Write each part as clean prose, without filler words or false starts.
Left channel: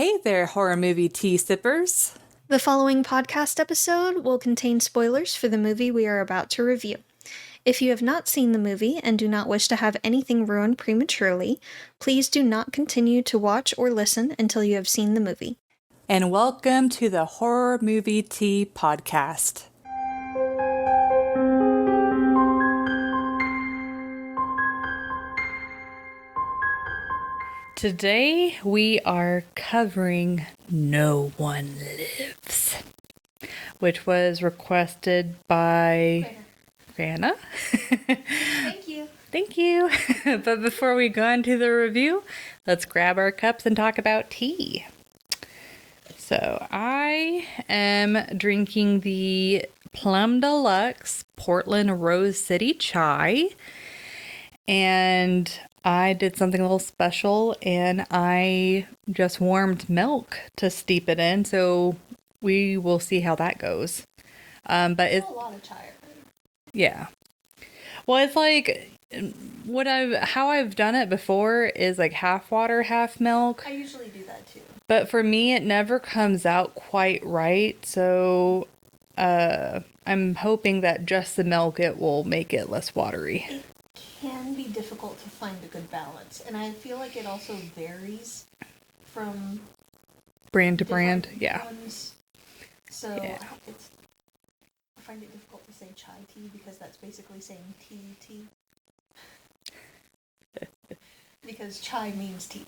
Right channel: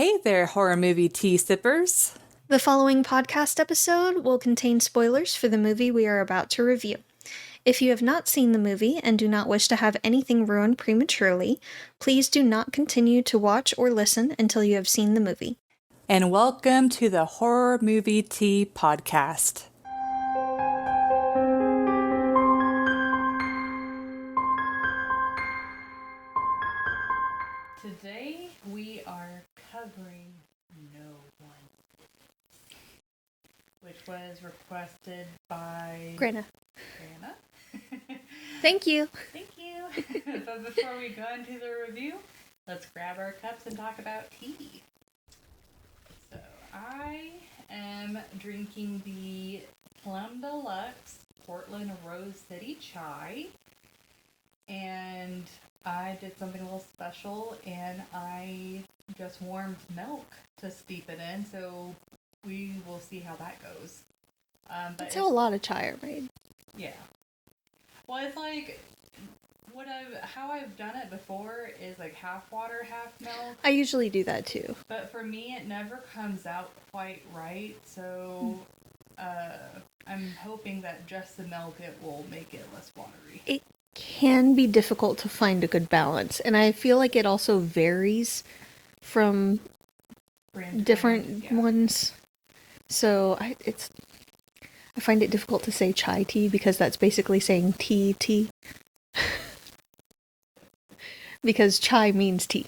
Hey there, horror movie tea sippers. The following podcast episode will contain spoilers for the movie we are about to review. If you have not seen the movie and do not wish to have anything ruined prematurely, please do not continue to watch or listen until you have seen the movie. And welcome to the Horror Movie Tea Podcast. Today we are covering No One Lives, which was requested by Grana. Thank you. Thank you. But before we go into the review, let's grab our cups and talk about tea. So I am drinking the Plum Deluxe Portland Rose City Chai, and I did something a little special, and I just warmed milk to steep it in, so we will see how that goes. But it's a lot of chai, right? Yeah. Well, it's like how I've done it before is like half water, half milk. I usually do that too. But for me, it never comes out quite right, so I'm hoping that just the milk, it will make it less watery. It can be difficult to find a good balance, and I feel like it also varies from brand to different brand. Yeah. ones. So yeah. I find it difficult to say chai tea because that's basically saying tea. Because chai means tea.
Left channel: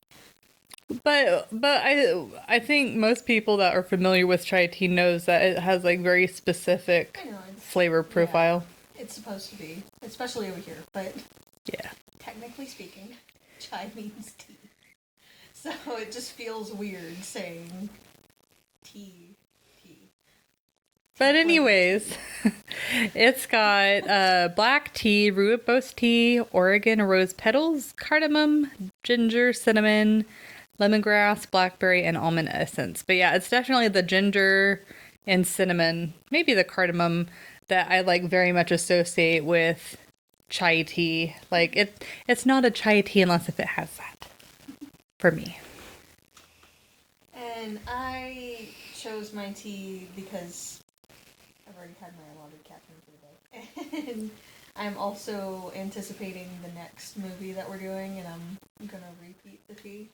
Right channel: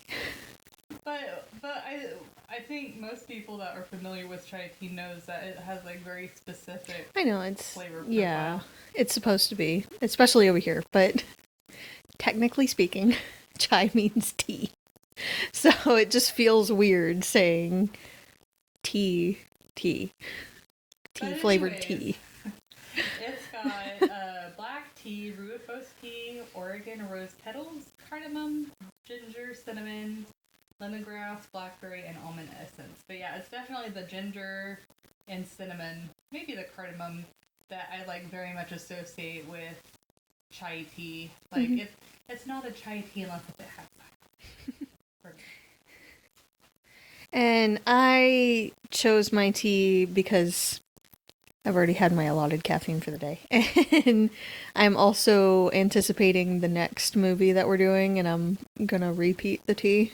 But I think most people that are familiar with chai tea knows that it has like very specific flavor profile. Yeah, it's supposed to be, especially over here, but yeah, technically speaking, chai means tea. So it just feels weird saying tea. But anyways, it's got black tea, rooibos tea, Oregon rose petals, cardamom, ginger, cinnamon, lemongrass, blackberry, and almond essence. But yeah, it's definitely the ginger and cinnamon, maybe the cardamom, that I like very much associate with chai tea. Like it's not a chai tea unless if it has that for me. And I chose my tea because I've already had my allotted caffeine for the day. And I'm also anticipating the next movie that we're doing, and I'm gonna repeat the tea.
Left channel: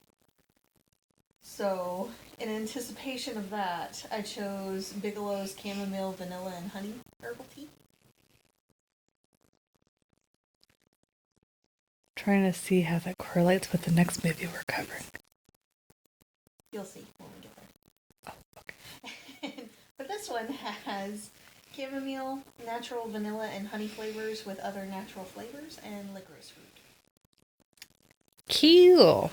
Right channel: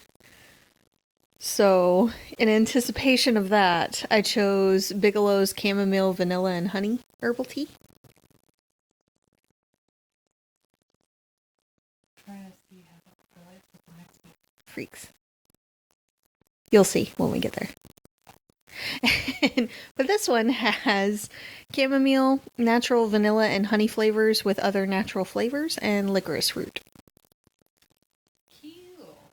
So, in anticipation of that, I chose Bigelow's Chamomile, Vanilla, and Honey Herbal Tea. Trying to see how that correlates with the next movie we're covering. You'll see when we get there. But this one has chamomile, natural vanilla, and honey flavors with other natural flavors and licorice root. Cool.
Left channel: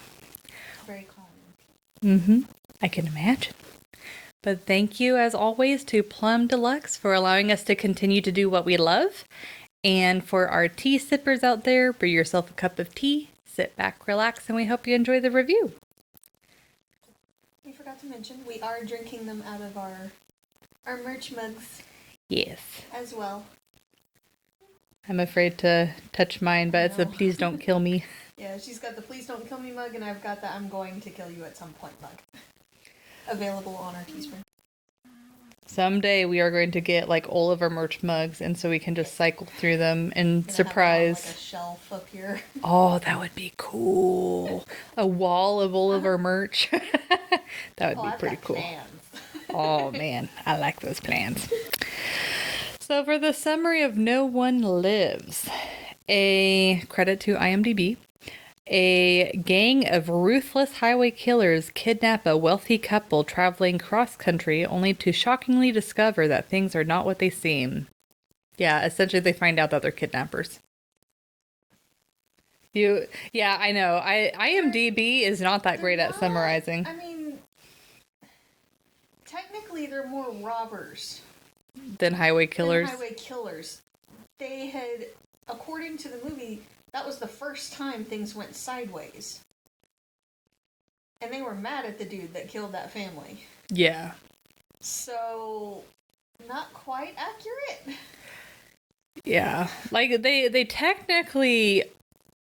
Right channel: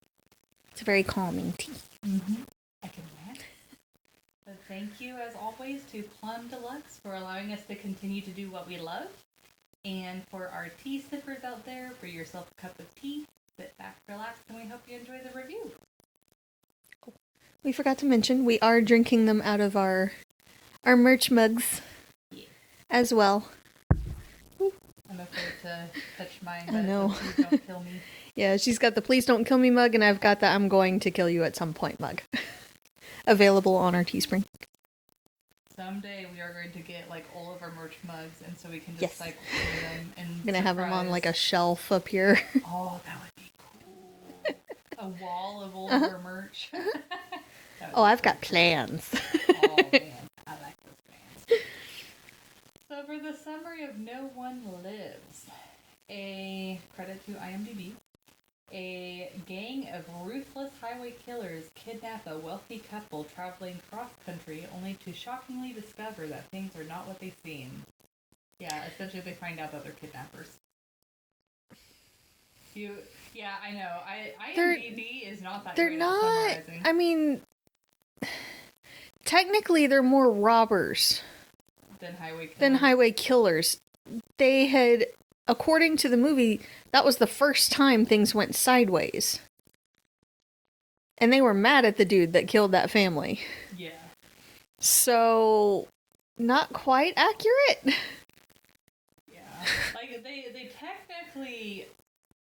It's a very calming tea. I can imagine. But thank you, as always, to Plum Deluxe for allowing us to continue to do what we love. And for our tea sippers out there, brew yourself a cup of tea, sit back, relax, and we hope you enjoy the review. We forgot to mention, we are drinking them out of our merch mugs. Yes. As well. I'm afraid to touch mine, but it's a please don't kill me. Yeah, she's got the please don't kill me mug, and I've got the I'm going to kill you at some point mug. Available on our Teespring. Someday we are going to get like all of our merch mugs, and so we can just cycle through them and surprise. Have them on like a shelf up here. Oh, that would be cool! A wall of all of our merch. That would be I've got cool. Plans. Oh man, I like those plans. So for the summary of No One Lives, a credit to IMDb. A gang of ruthless highway killers kidnap a wealthy couple traveling cross-country only to shockingly discover that things are not what they seem. Yeah, essentially they find out that they're kidnappers. Yeah, I know. IMDb is not that great at summarizing. I mean, technically they're more robbers than highway killers. They had, according to the movie, that was the first time things went sideways. And they were mad at the dude that killed that family. Yeah. So, not quite accurate. Yeah. Like, they technically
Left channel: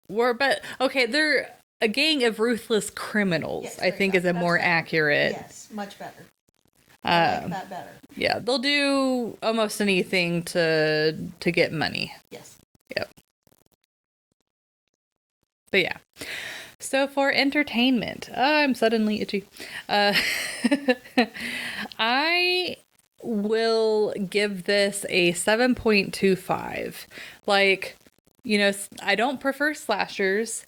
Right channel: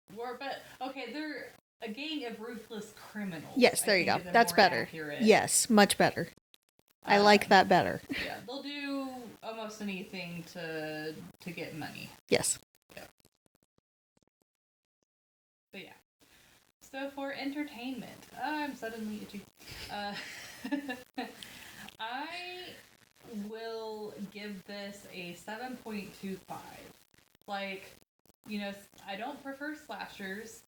were, but, okay, they're a gang of ruthless criminals. Yes, I think is a more accurate. Yes, much better. I like that better. Yeah, they'll do almost anything to get money. Yes. Yep. But yeah. So for entertainment, I'm suddenly itchy. I will give this a 7.25. Like, you know, I don't prefer slashers,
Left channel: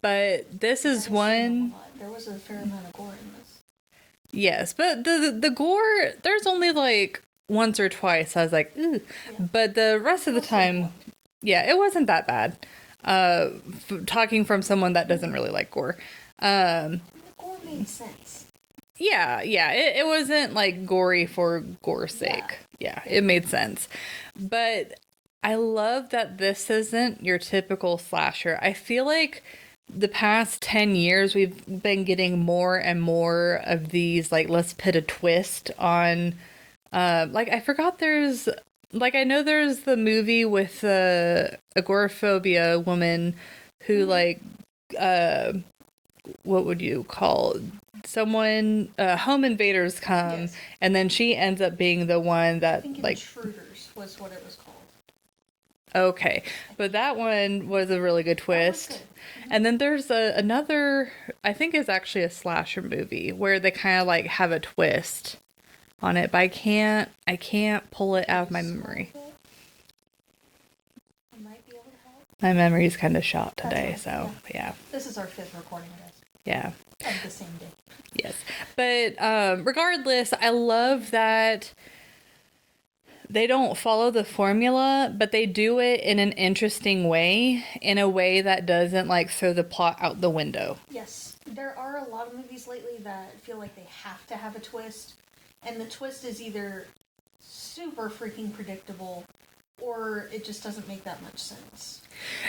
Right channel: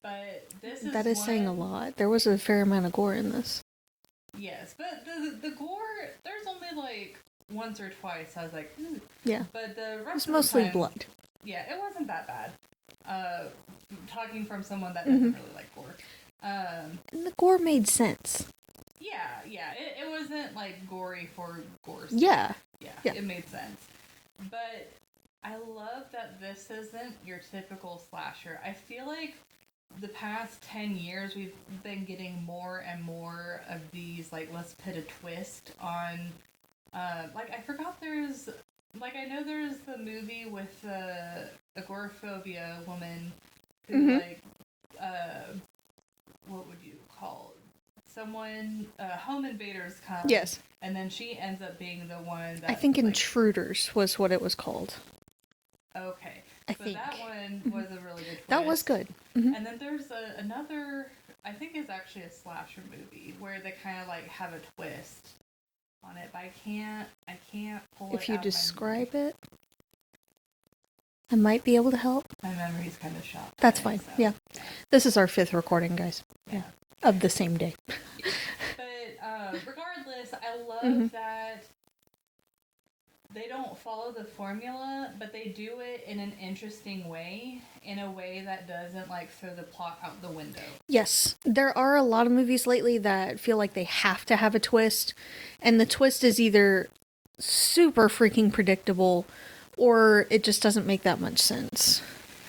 but this is one. Saying a lot. There was a fair amount of gore in this. Yes, but the gore, there's only like once or twice I was like, ooh. Yeah. But the rest of the time, blood. Yeah, it wasn't that bad. Talking from someone that doesn't really like gore. And the gore made sense. Yeah, it wasn't like gory for gore's sake. Yeah, it made sense. But I love that this isn't your typical slasher. I feel like the past 10 years we've been getting more and more of these, like, let's put a twist on, like, I forgot there's, like, I know there's the movie with agoraphobia woman who, like, what would you call someone, home invaders come, and then she ends up being the one that, I think like, Intruders was what it was called. Okay, but that one was a really good twist. That was good. And then there's another, I think it's actually a slasher movie where they kind of like have a twist on it, but I can't pull it out of my memory. It, I might be able to help. My memory's kind of shot today. That's fine. So yeah. This is our 5th recording, guys. Yeah. Of the same day. Yes. But regardless, I love that they don't follow the formula, but they do it in an interesting way, in a way that doesn't like throw the plot out the window. Yes. There are a lot of movies lately that feel like they have to have a twist, and the twist is either super freaking predictable or it just doesn't make that much sense.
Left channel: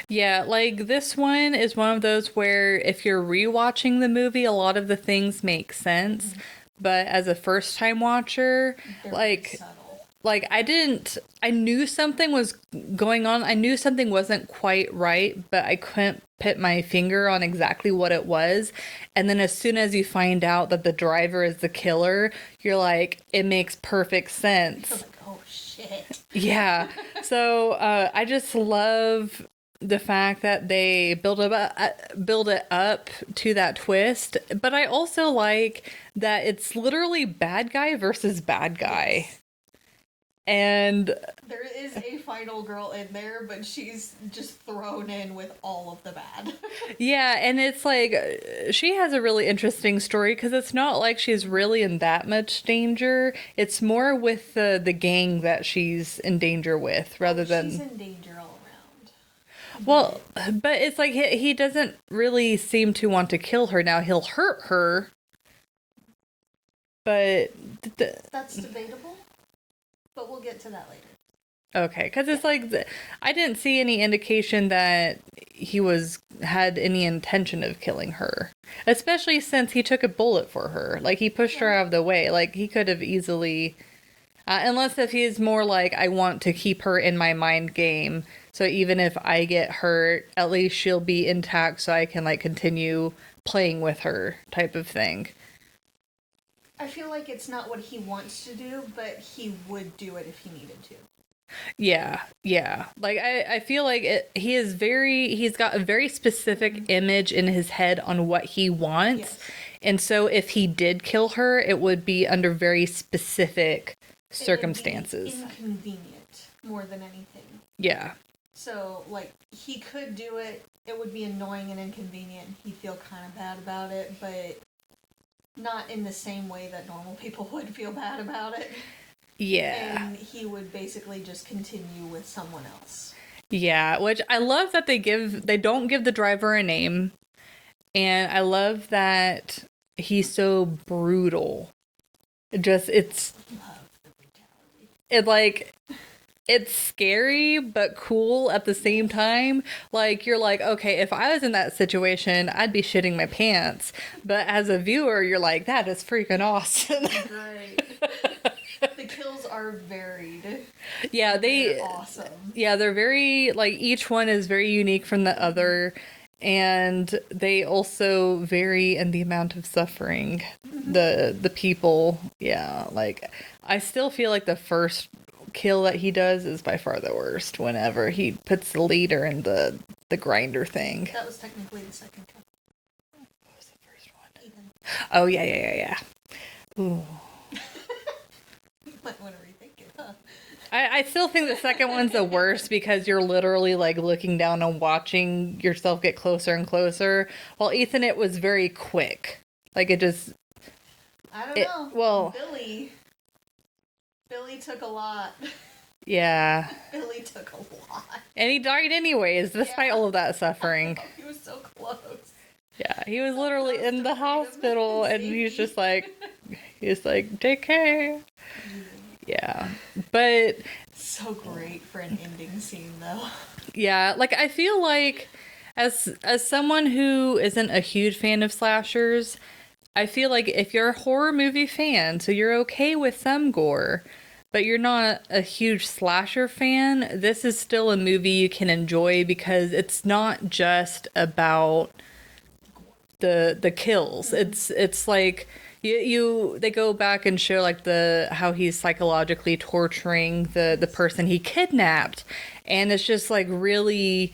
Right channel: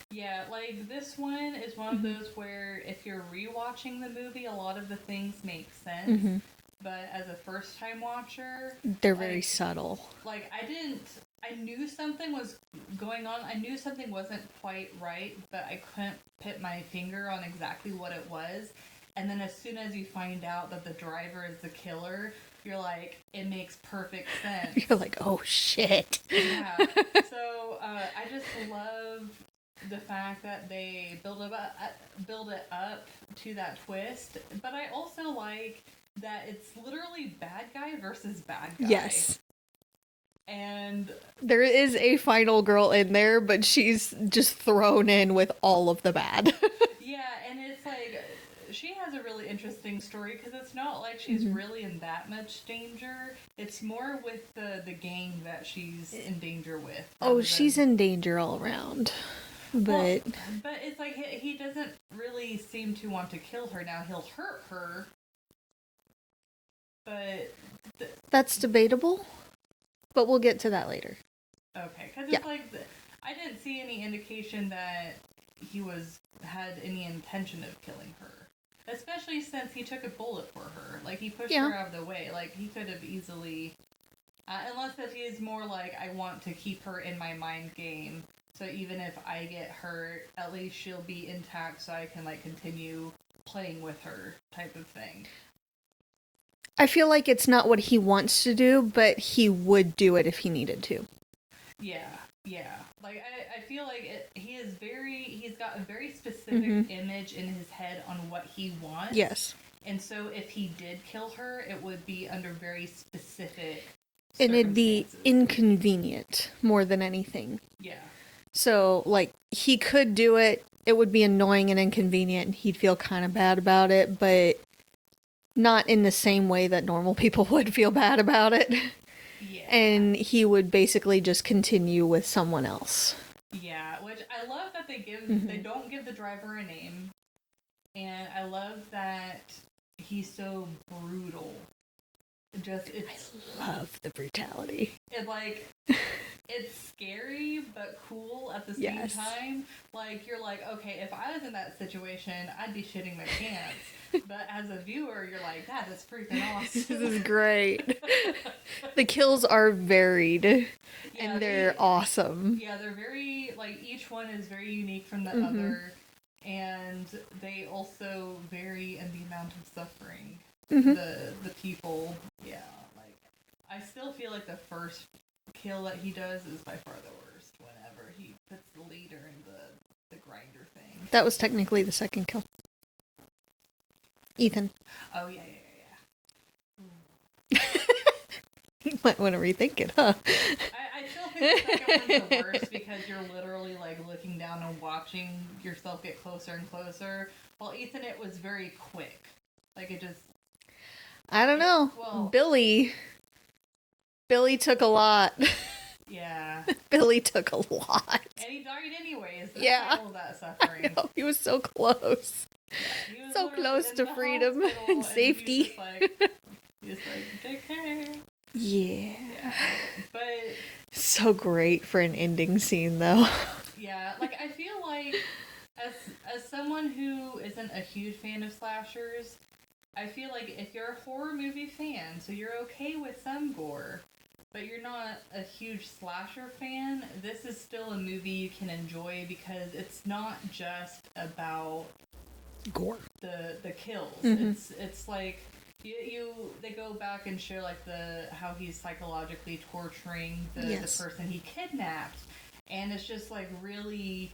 Yeah, like this one is one of those where if you're rewatching the movie, a lot of the things make sense, but as a first-time watcher, they're like, very subtle. Like, I knew something was going on. I knew something wasn't quite right, but I couldn't put my finger on exactly what it was. And then as soon as you find out that the driver is the killer, you're like, it makes perfect sense. You're like, oh shit. Yeah. So I just love the fact that they build it up to that twist. But I also like that it's literally bad guy versus bad guy. Yes. And there is a final girl in there, but she's just thrown in with all of the bad. Yeah, and it's like, she has a really interesting story, because it's not like she's really in that much danger. It's more with the gang that she's in danger with, rather than... she's in danger all around. Well, but it's like, he doesn't really seem to want to kill her. Now, he'll hurt her, but... That's debatable. But we'll get to that later. Okay, because it's like, I didn't see any indication that he had any intention of killing her. Especially since he took a bullet for her. Like, he pushed her out of the way. Like, he could have easily... unless if he's more like, I want to keep her in my mind game. So even if I get hurt, at least she'll be intact so I can, like, continue playing with her type of thing. I feel like it's not what he wants to do, but he would do it if he needed to. Yeah. Like, I feel like he's got a very specific image in his head on what he wants. Yes. And so if he did kill her, it would be under very specific circumstances. And it'd be inconvenient more than anything. Yeah. So, like, he could do it. It would be annoying and inconvenient, and he'd feel kind of bad about it, but... not in the same way that normal people would feel bad about it. Yeah. And he would basically just continue with someone else. Yeah, which I love that they don't give the driver a name. And I love that he's so brutal. I love the brutality. It's scary, but cool at the same time. Like, you're like, okay, if I was in that situation, I'd be shitting my pants. But as a viewer, you're like, that is freaking awesome. Great. The kills are varied. Yeah, they're awesome. Yeah, they're very, like, each one is very unique from the other. and they also vary in the amount of suffering. The people, yeah, like I still feel like the first kill that he does is by far the worst. Whenever he puts the leader in the grinder thing. That was technically the second kill. What was the first one? Ethan. Oh yeah. Ooh. You might want to rethink it, huh? I still think the second one's the worst because you're literally like looking down and watching yourself get closer and closer. While Ethan, it was very quick. Like it just. I don't know. Well, Billy took a lot. Yeah. Billy took a lot. And he died anyways, despite all of that suffering. He was so close. Yeah, he was So literally close in to the freedom hospital, and he was safety. just like, take care. Yeah. Yeah. But So great for an ending scene, though. yeah, like I feel like as someone who isn't a huge fan of slashers, I feel like if you're a horror movie fan, so you're okay with some gore, but you're not a huge slasher fan, this is still a movie you can enjoy because it's not just about Gore. The kills. It's like they go back and show like how he's psychologically torturing the person he kidnapped, and it's just like really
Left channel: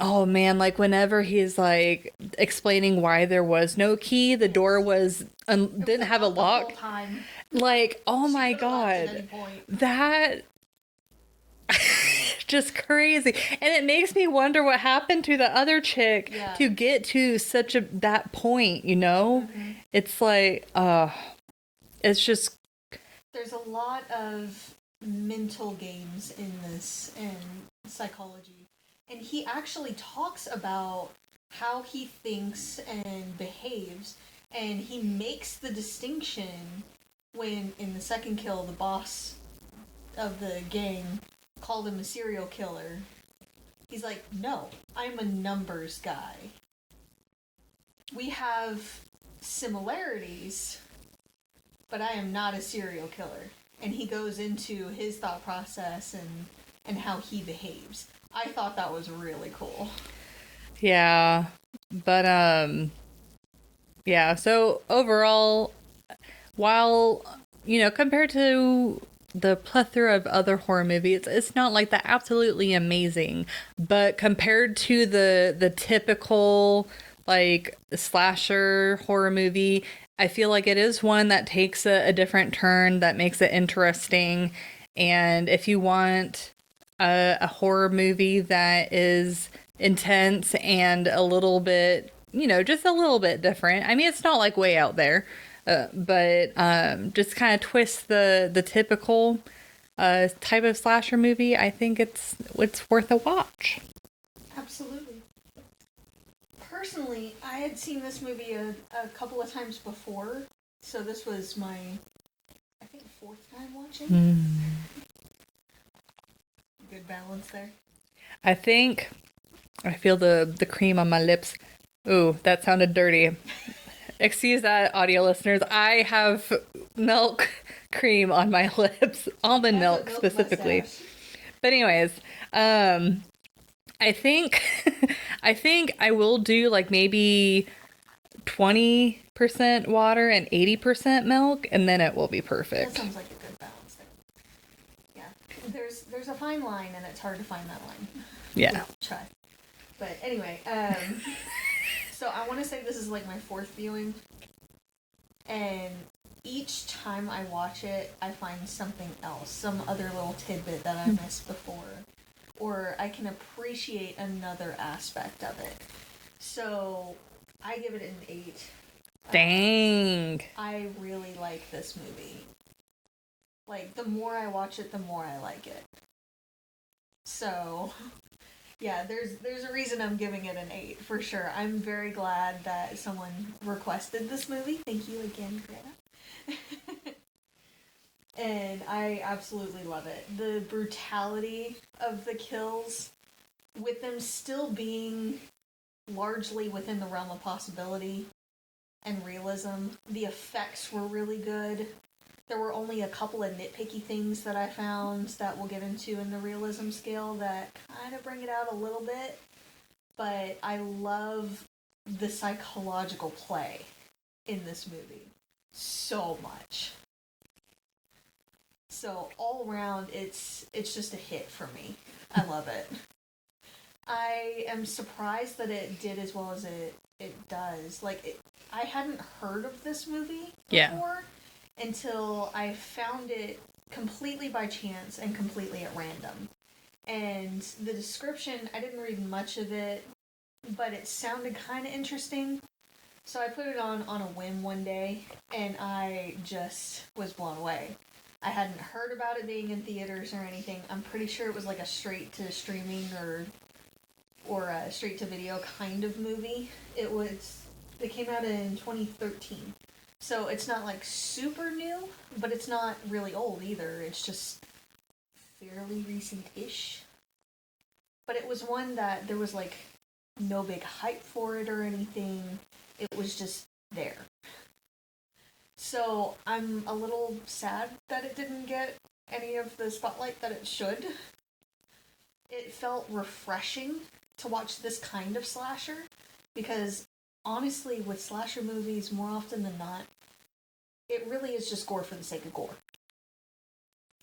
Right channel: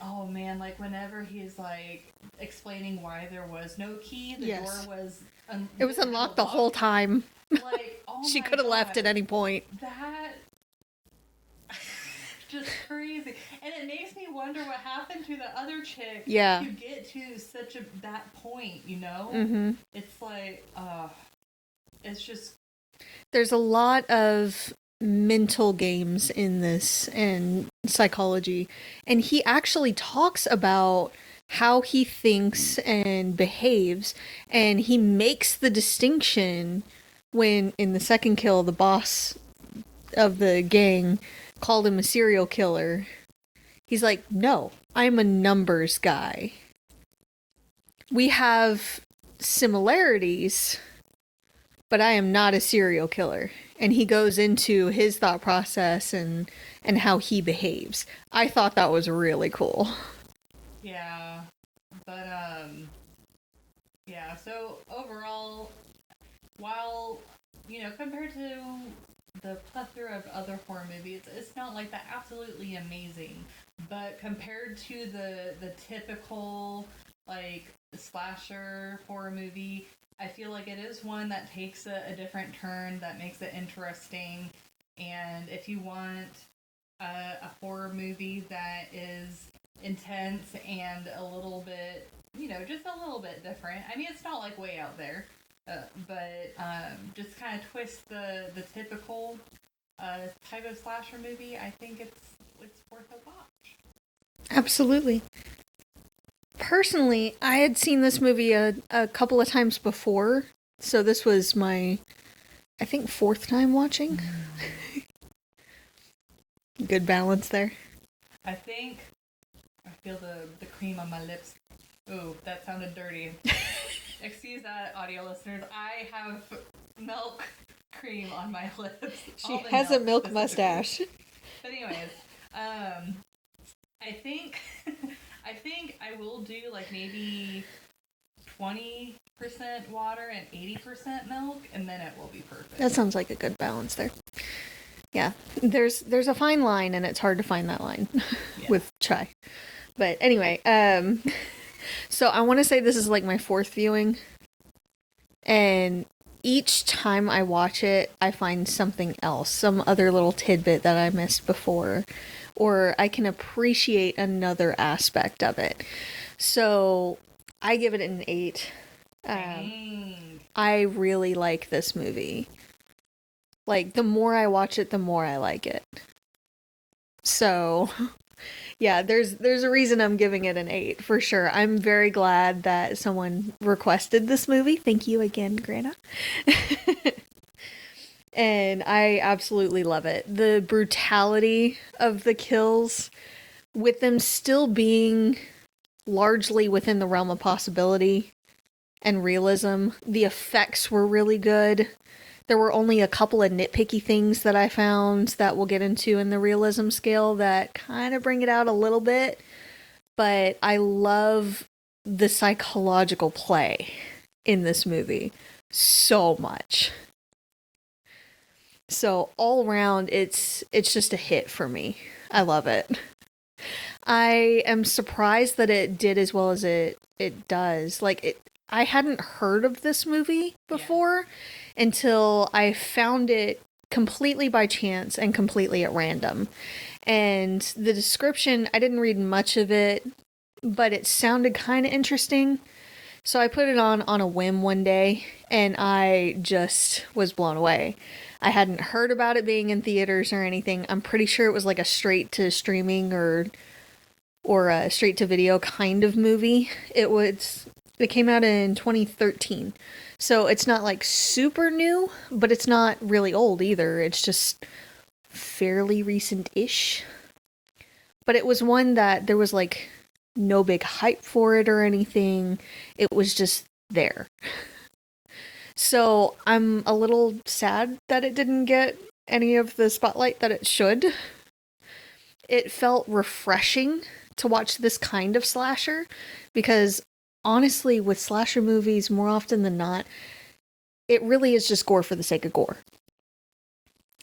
oh man, like whenever he's like explaining why there was no key, the door was didn't have a lock the whole time. Like, oh She my could have god, left at any point. that just crazy. And it makes me wonder what happened to the other chick to get to that point, you know? It's like it's just there's a lot of mental games in this and psychology, and he actually talks about how he thinks and behaves, and he makes the distinction when in the second kill the boss of the gang called him a serial killer. He's like, no, I'm a numbers guy. We have similarities, but I am not a serial killer. And he goes into his thought process and how he behaves. I thought that was really cool. Yeah. But yeah, so overall, while compared to the plethora of other horror movies, it's not like the absolutely amazing, but compared to the typical like slasher horror movie, I feel like it is one that takes a different turn that makes it interesting. And if you want a horror movie that is intense and a little bit, just a little bit different, I mean, it's not like way out there, but just kind of twist the typical type of slasher movie, I think it's worth a watch. Absolutely. Personally, I had seen this movie a couple of times before, so this was my, I think, fourth time watching. Good balance there. I think I feel the cream on my lips. Ooh, that sounded dirty. Excuse that, audio listeners. I have milk cream on my lips. Almond milk specifically. Mustache. But anyways, I think I will do like maybe 20% water and 80% milk, and then it will be perfect. That sounds like a good balance there. Yeah, there's a fine line, and it's hard to find that line with chai. But anyway, so I want to say this is like my fourth viewing, and each time I watch it, I find something else, some other little tidbit that I missed before, or I can appreciate another aspect of it. So I give it an 8. Dang. I really like this movie. Like, the more I watch it, the more I like it. So, yeah, there's a reason I'm giving it an 8, for sure. I'm very glad that someone requested this movie. Thank you again, Grana. And I absolutely love it. The brutality of the kills, with them still being largely within the realm of possibility and realism. The effects were really good. There were only a couple of nitpicky things that I found that we'll get into in the realism scale that kind of bring it out a little bit. but I love the psychological play in this movie so much. So all around, it's just a hit for me. I love it. I am surprised that it did as well as it does. I hadn't heard of this movie before until I found it completely by chance and completely at random. And the description, I didn't read much of it, but it sounded kind of interesting. So I put it on a whim one day, and I just was blown away. I hadn't heard about it being in theaters or anything. I'm pretty sure it was like a straight to streaming or a straight to video kind of movie. It came out in 2013. So it's not like super new, but it's not really old either. It's just fairly recent-ish. But it was one that there was like no big hype for it or anything. It was just there. So I'm a little sad that it didn't get any of the spotlight that it should. It felt refreshing to watch this kind of slasher because honestly, with slasher movies, more often than not, it really is just gore for the sake of gore.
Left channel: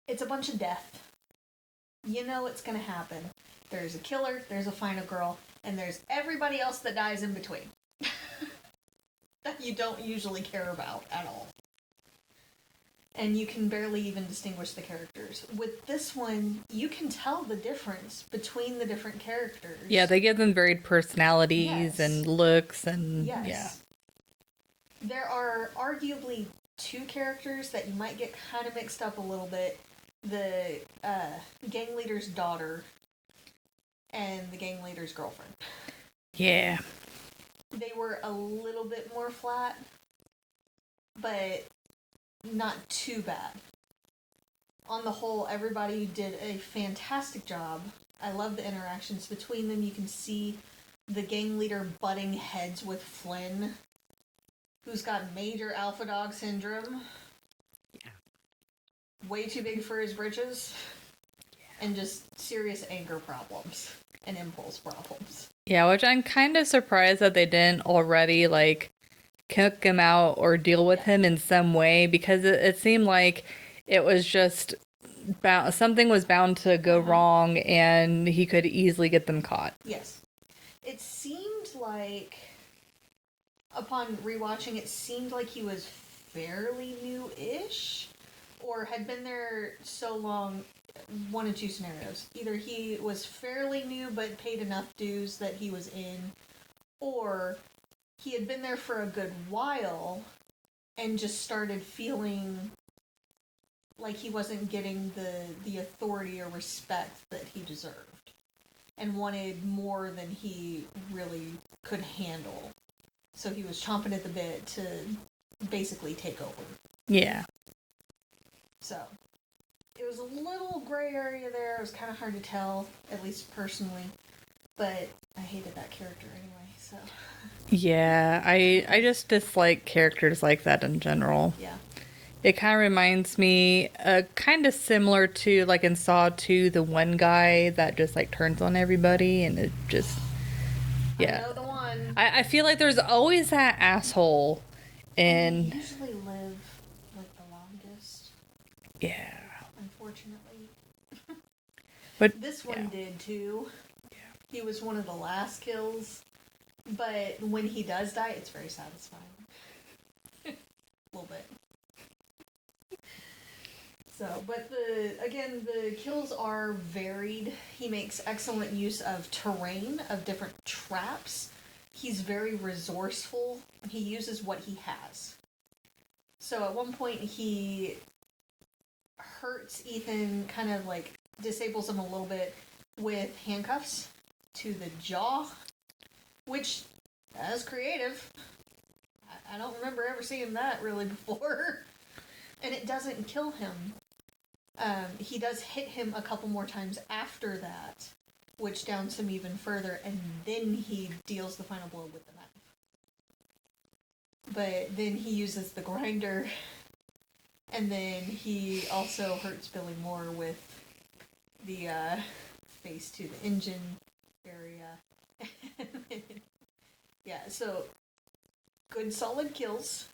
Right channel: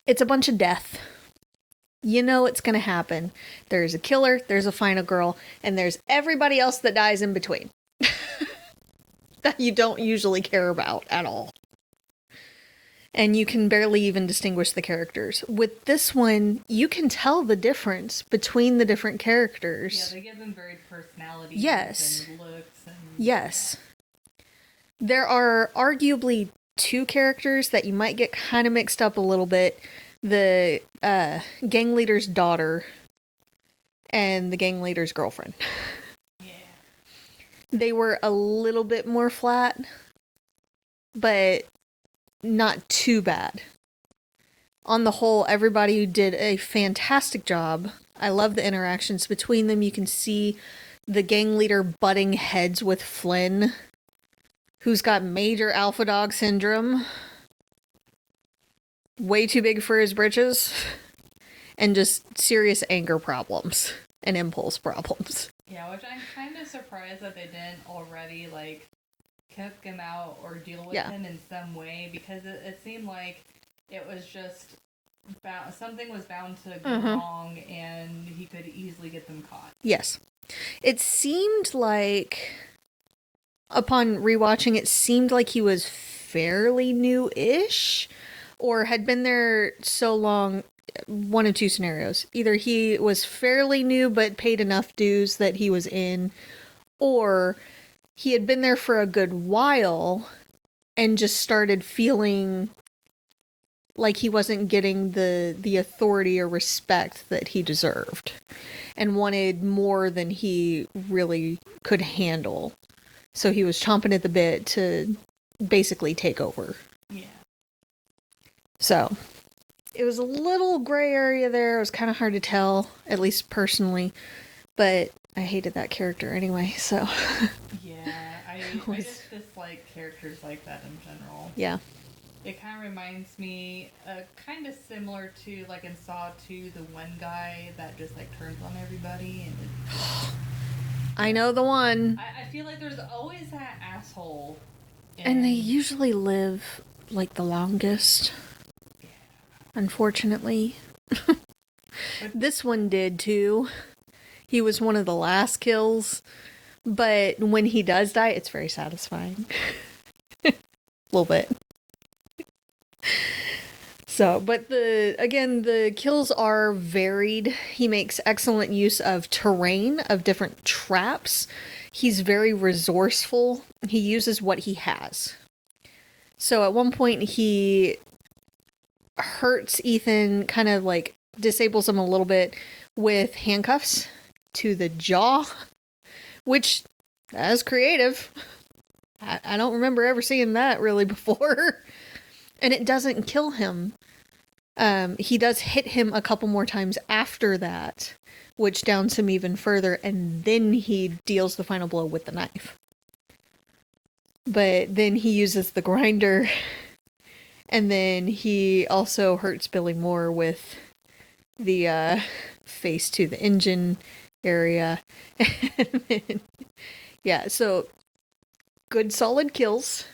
It's a bunch of death. You know it's gonna happen. There's a killer, there's a final girl, and there's everybody else that dies in between. That you don't usually care about at all. And you can barely even distinguish the characters. With this one, you can tell the difference between the different characters. Yeah, they give them varied personalities and looks and... Yes. Yeah. There are arguably two characters that you might get kind of mixed up a little bit. The gang leader's daughter and the gang leader's girlfriend. Yeah. They were a little bit more flat, but not too bad. On the whole, everybody did a fantastic job. I love the interactions between them. You can see the gang leader butting heads with Flynn, who's got major alpha dog syndrome. Way too big for his britches. And just serious anger problems and impulse problems. Yeah, which I'm kind of surprised that they didn't already, like, kick him out or deal with him in some way, because it seemed like it was just something was bound to go wrong and he could easily get them caught. Yes. It seemed like, upon rewatching, it seemed like he was fairly new-ish or had been there so long. One of two scenarios. Either he was fairly new but paid enough dues that he was in, or he had been there for a good while and just started feeling like he wasn't getting the authority or respect that he deserved and wanted more than he really could handle. So he was chomping at the bit to basically take over. Yeah. So it was a little gray area there. It was kind of hard to tell, at least personally. But I hated that character anyway, so... Yeah, I just dislike characters like that in general. Yeah. It kind of reminds me, kind of similar to, like, in Saw 2, the one guy that just, like, turns on everybody, and it just... Yeah. I know the one. I feel like there's always that asshole. And they usually live, like, the longest. Yeah. Unfortunately. But this one did, too. He was one of the last kills. But when he does die, it's very satisfying. A little bit. So, but the kills are varied. He makes excellent use of terrain, of different traps. He's very resourceful. He uses what he has. So at one point he hurts Ethan, kind of like disables him a little bit with handcuffs to the jaw, which is creative. I don't remember ever seeing that really before. And it doesn't kill him. He does hit him a couple more times after that, which downs him even further, and then he deals the final blow with the knife. But then he uses the grinder, and then he also hurts Billy Moore with the face to the engine area. Yeah, so good solid kills.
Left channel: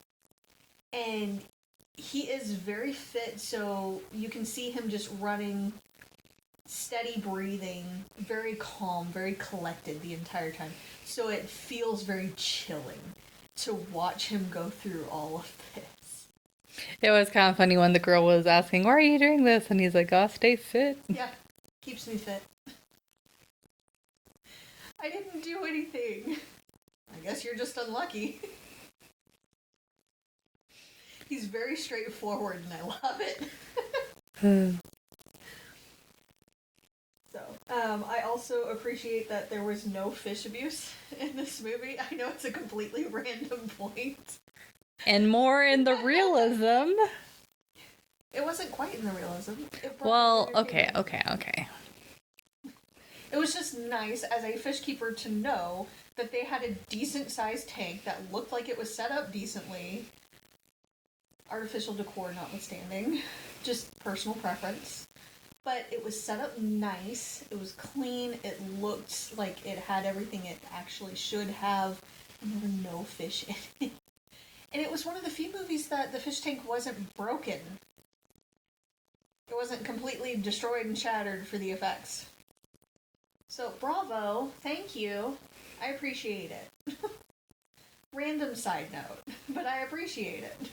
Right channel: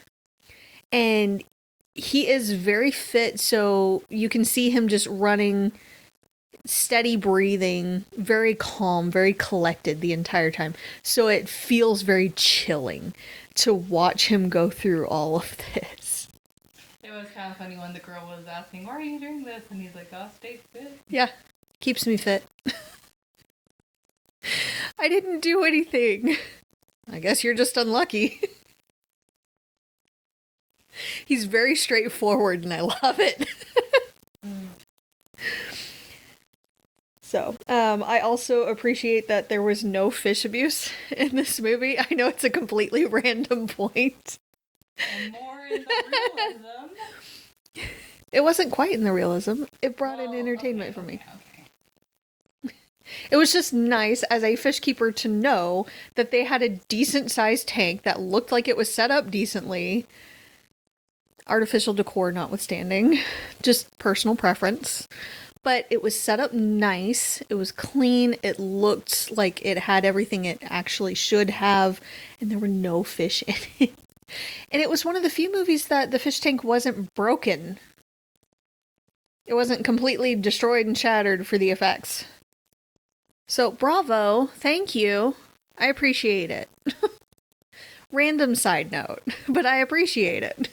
And he is very fit, so you can see him just running, steady breathing, very calm, very collected the entire time. So it feels very chilling to watch him go through all of this. It was kind of funny when the girl was asking, why are you doing this? And he's like, oh, stay fit. Yeah, keeps me fit. I didn't do anything. I guess you're just unlucky. He's very straightforward and I love it. So, I also appreciate that there was no fish abuse in this movie. I know it's a completely random point. And more in the realism. It wasn't quite in the realism. It brought in entertainment. Okay. It was just nice as a fish keeper to know that they had a decent sized tank that looked like it was set up decently. Artificial decor notwithstanding. Just personal preference. But it was set up nice. It was clean. It looked like it had everything it actually should have. And there were no fish in it. And it was one of the few movies that the fish tank wasn't broken. It wasn't completely destroyed and shattered for the effects. So, bravo. Thank you. I appreciate it. Random side note, but I appreciate it.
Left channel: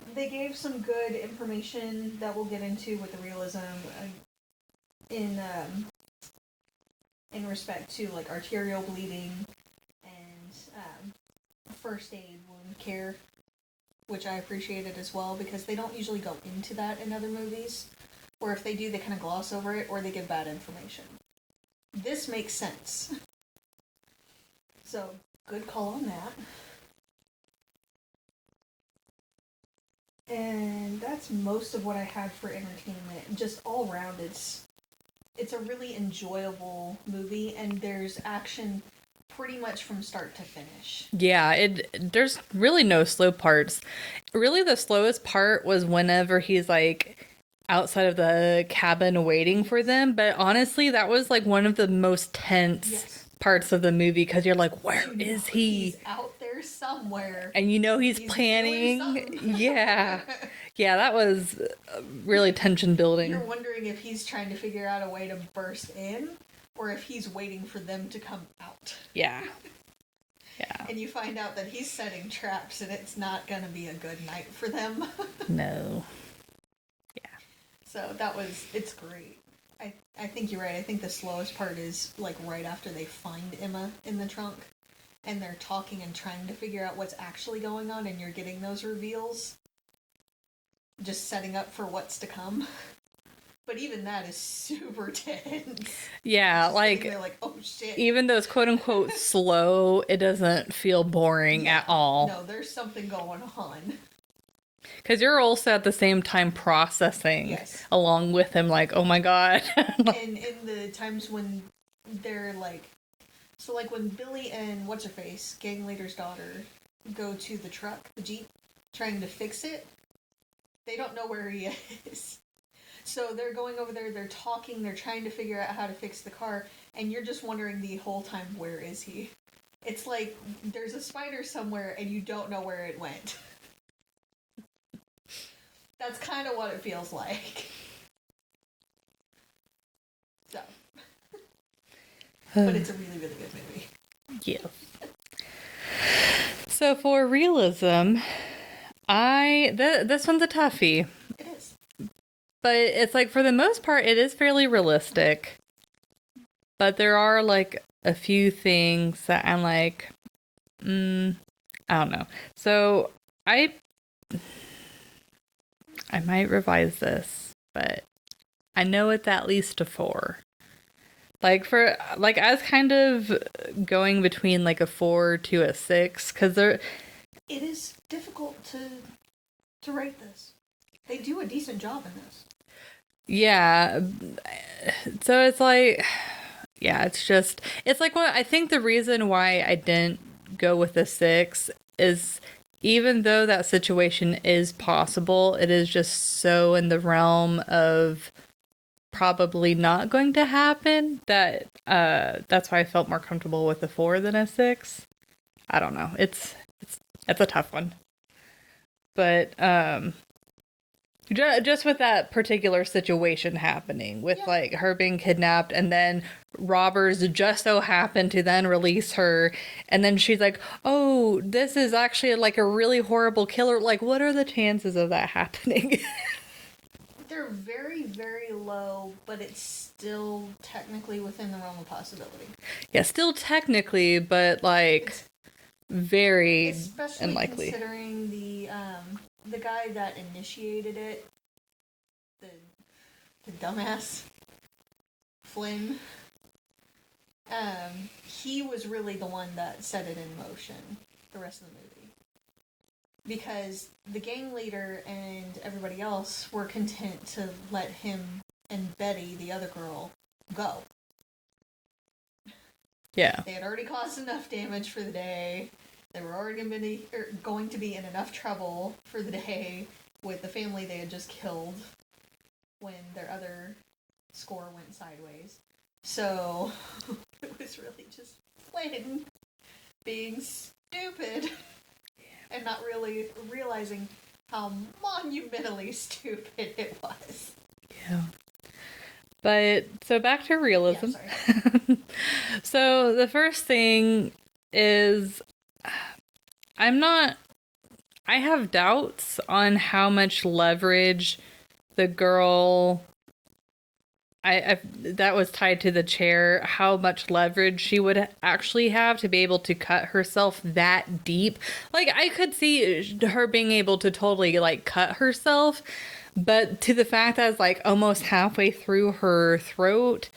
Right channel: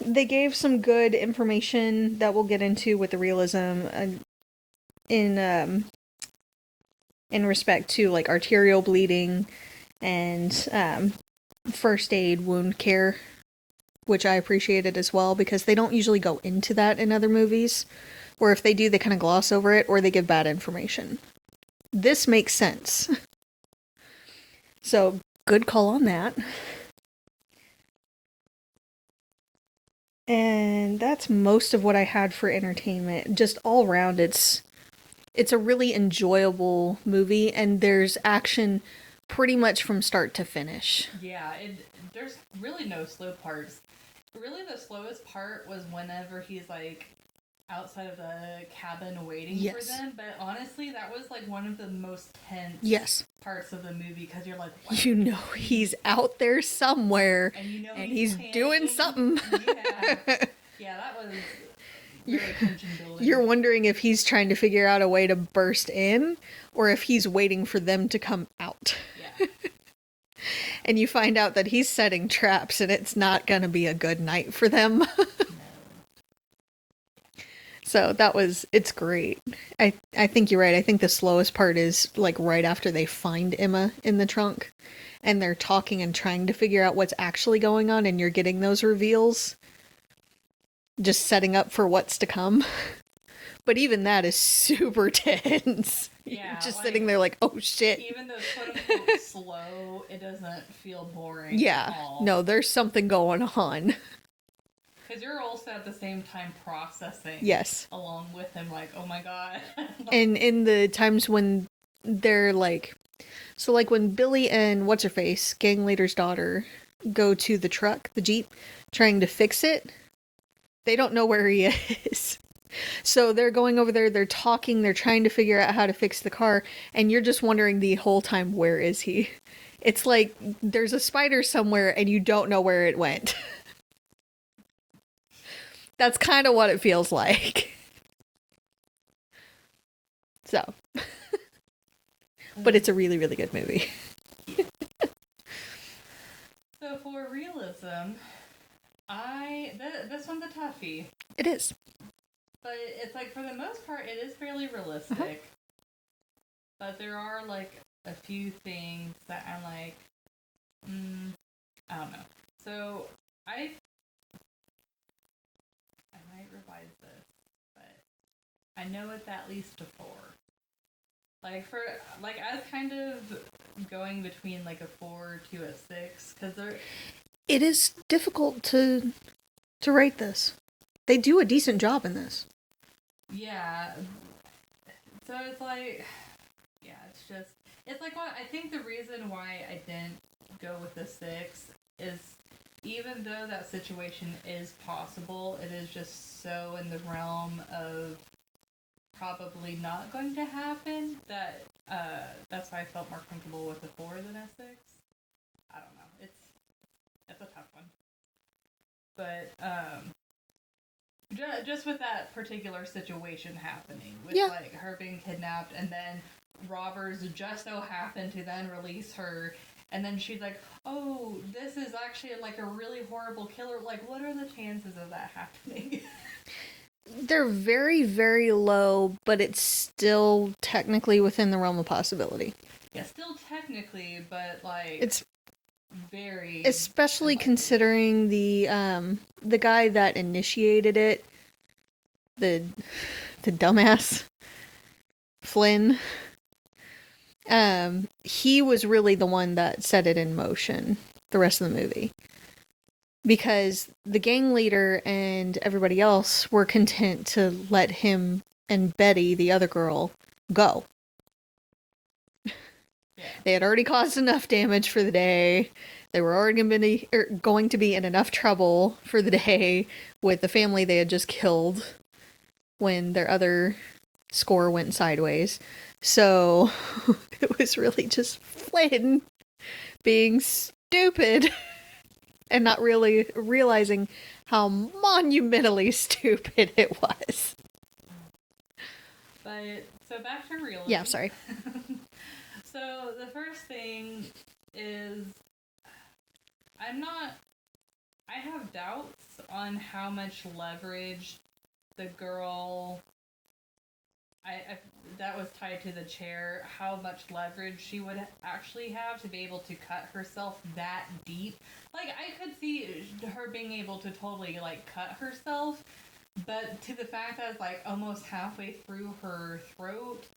They gave some good information that we'll get into with the realism in respect to like arterial bleeding and first aid wound care, which I appreciated as well because they don't usually go into that in other movies, or if they do, they kind of gloss over it or they give bad information. This makes sense. So, good call on that. And that's most of what I had for entertainment. Just all around, it's a really enjoyable movie, and there's action pretty much from start to finish. Yeah, there's really no slow parts. Really, the slowest part was whenever he's like outside of the cabin waiting for them. But honestly, that was like one of the most tense parts of the movie because you're like, where is he? He's out there somewhere, and you know he's planning doing something. Yeah, that was really tension building. You're wondering if he's trying to figure out a way to burst in, or if he's waiting for them to come out. Yeah. And you find out that he's setting traps, and it's not going to be a good night for them. No. So it's great. I think you're right. I think the slowest part is like right after they find Emma in the trunk and they're talking and trying to figure out what's actually going on, and you're getting those reveals. Just setting up for what's to come. But even that is super tense. Yeah, just like sitting there like, oh shit. Even though it's quote unquote slow, it doesn't feel boring at all. No, there's something going on. Because you're also at the same time processing along with him, like, oh my god. And in the times when they're like, so like when Billy and What's-Her-Face, gang leader's daughter, go to the truck, the Jeep, trying to fix it, they don't know where he is. So they're going over there, they're talking, they're trying to figure out how to fix the car, and you're just wondering the whole time, where is he? It's like there's a spider somewhere and you don't know where it went. That's kind of what it feels like. So. But it's a really, really good movie. Yeah. So for realism, this one's a toughie. It is. But it's like, for the most part, it is fairly realistic. But there are like a few things that I'm like, I don't know. So I might revise this, but I know it's at least a 4. Like I was kind of going between like a 4 to a 6 because it is difficult to rate this. They do a decent job in this. Yeah. So it's like, yeah, it's like what I think the reason why I didn't go with a 6 is, even though that situation is possible, it is just so in the realm of probably not going to happen, that's why I felt more comfortable with a 4 than a 6. I don't know. It's a tough one. But just with that particular situation happening, with like her being kidnapped, and then robbers just so happen to then release her, and then she's like, "Oh, this is actually like a really horrible killer." Like, what are the chances of that happening? They're very, very low, but it's still technically within the realm of possibility. Yeah, still technically, but like it's very especially unlikely. Considering the guy that initiated it, the dumbass Flynn. He was really the one that set it in motion the rest of the movie. Because the gang leader and everybody else were content to let him and Betty, the other girl, go. Yeah. They had already caused enough damage for the day. They were already going to be in enough trouble for the day with the family they had just killed when their other score went sideways. So it was really just Flynn being stupid and not really realizing how monumentally stupid it was. Yeah. But, so back to realism. Yeah, sorry. So the first thing is, I have doubts on how much leverage the girl that was tied to the chair, how much leverage she would actually have to be able to cut herself that deep. Like, I could see her being able to totally, like, cut herself, but to the fact that it's, like, almost halfway through her throat,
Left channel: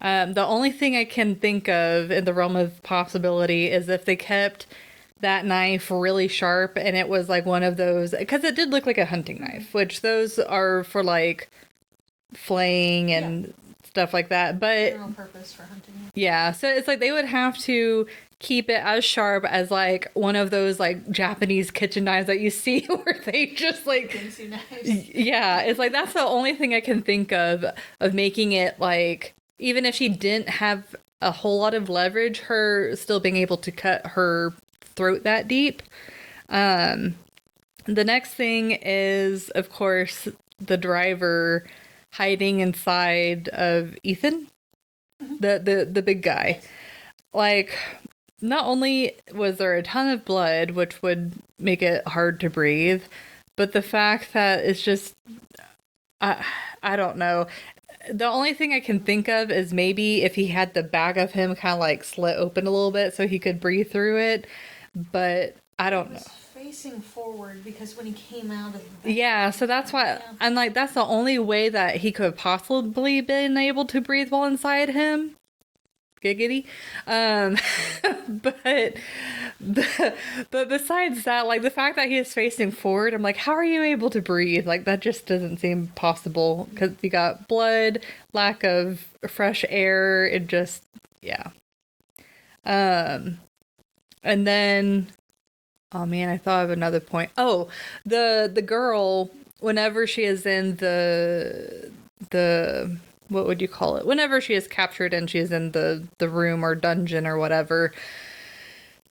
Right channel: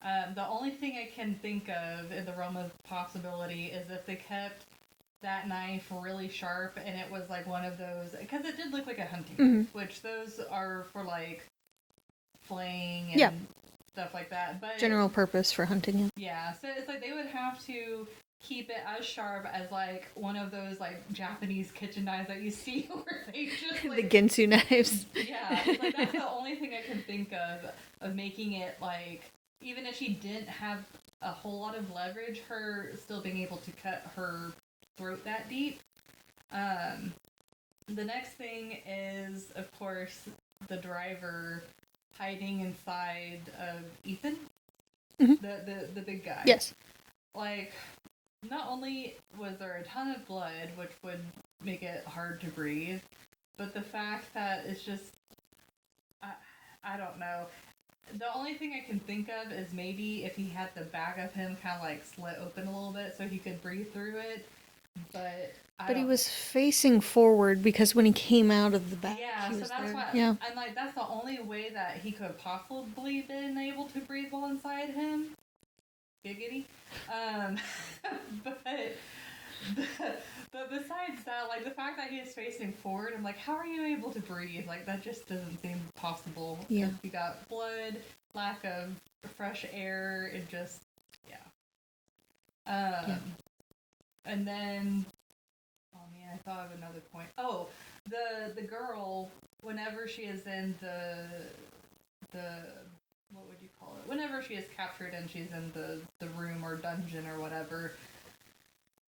the only thing I can think of in the realm of possibility is if they kept that knife really sharp and it was, like, one of those, because it did look like a hunting knife, which those are for, like, flaying and stuff like that, but general purpose for hunting. Yeah, so it's like they would have to keep it as sharp as like one of those like Japanese kitchen knives that you see where they just like Ginsu knives. Yeah, it's like that's the only thing I can think of making it like, even if she didn't have a whole lot of leverage, her still being able to cut her throat that deep. The next thing is, of course, the driver hiding inside of Ethan, the big guy. Yes. Like, not only was there a ton of blood, which would make it hard to breathe, but the fact that it's just, I don't know. The only thing I can think of is maybe if he had the back of him kind of like slit open a little bit so he could breathe through it, but I don't know. He was facing forward because when he came out of the back. Yeah, so that's why, yeah. And like, that's the only way that he could have possibly been able to breathe while inside him. Giggity. But besides that, like, the fact that he is facing forward, I'm like, how are you able to breathe? Like, that just doesn't seem possible because you got blood, lack of fresh air. It just, yeah. And then, oh man, I thought of another point. Oh, the girl, whenever she is in the what would you call it? Whenever she is captured and she is in the room or dungeon or whatever,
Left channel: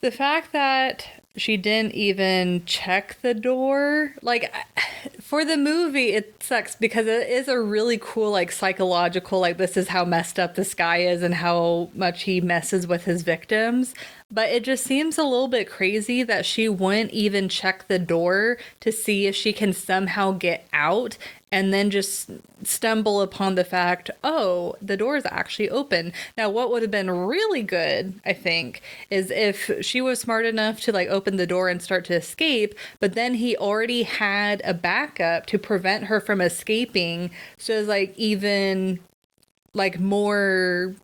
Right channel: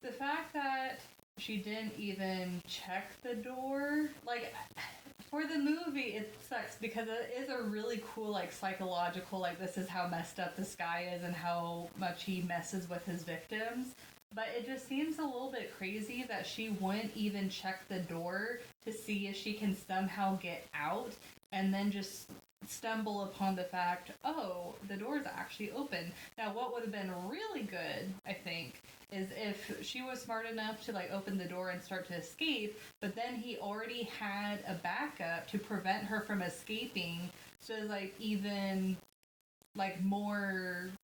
the fact that she didn't even check the door, like, for the movie, it sucks because it is a really cool, like, psychological, like, this is how messed up this guy is and how much he messes with his victims. But it just seems a little bit crazy that she wouldn't even check the door to see if she can somehow get out, and then just stumble upon the fact, oh, the door is actually open. Now, what would have been really good, I think, is if she was smart enough to like open the door and start to escape, but then he already had a backup to prevent her from escaping. So it's like even like more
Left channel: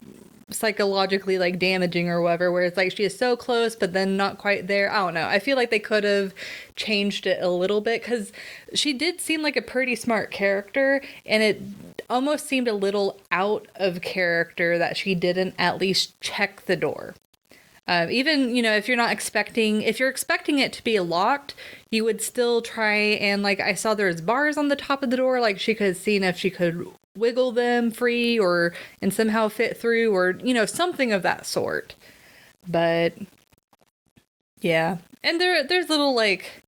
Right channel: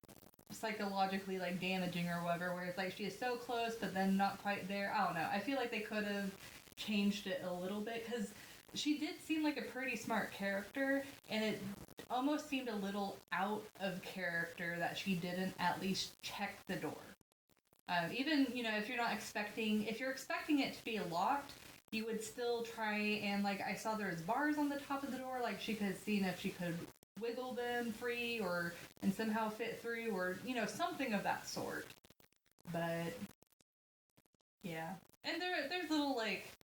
psychologically like damaging or whatever, where it's like she is so close but then not quite there. I don't know, I feel like they could have changed it a little bit because she did seem like a pretty smart character, and it almost seemed a little out of character that she didn't at least check the door. Even, you know, if you're expecting it to be locked, you would still try and, like, I saw there's bars on the top of the door, like she could have seen if she could wiggle them free and somehow fit through, or something of that sort. But yeah, and there's little like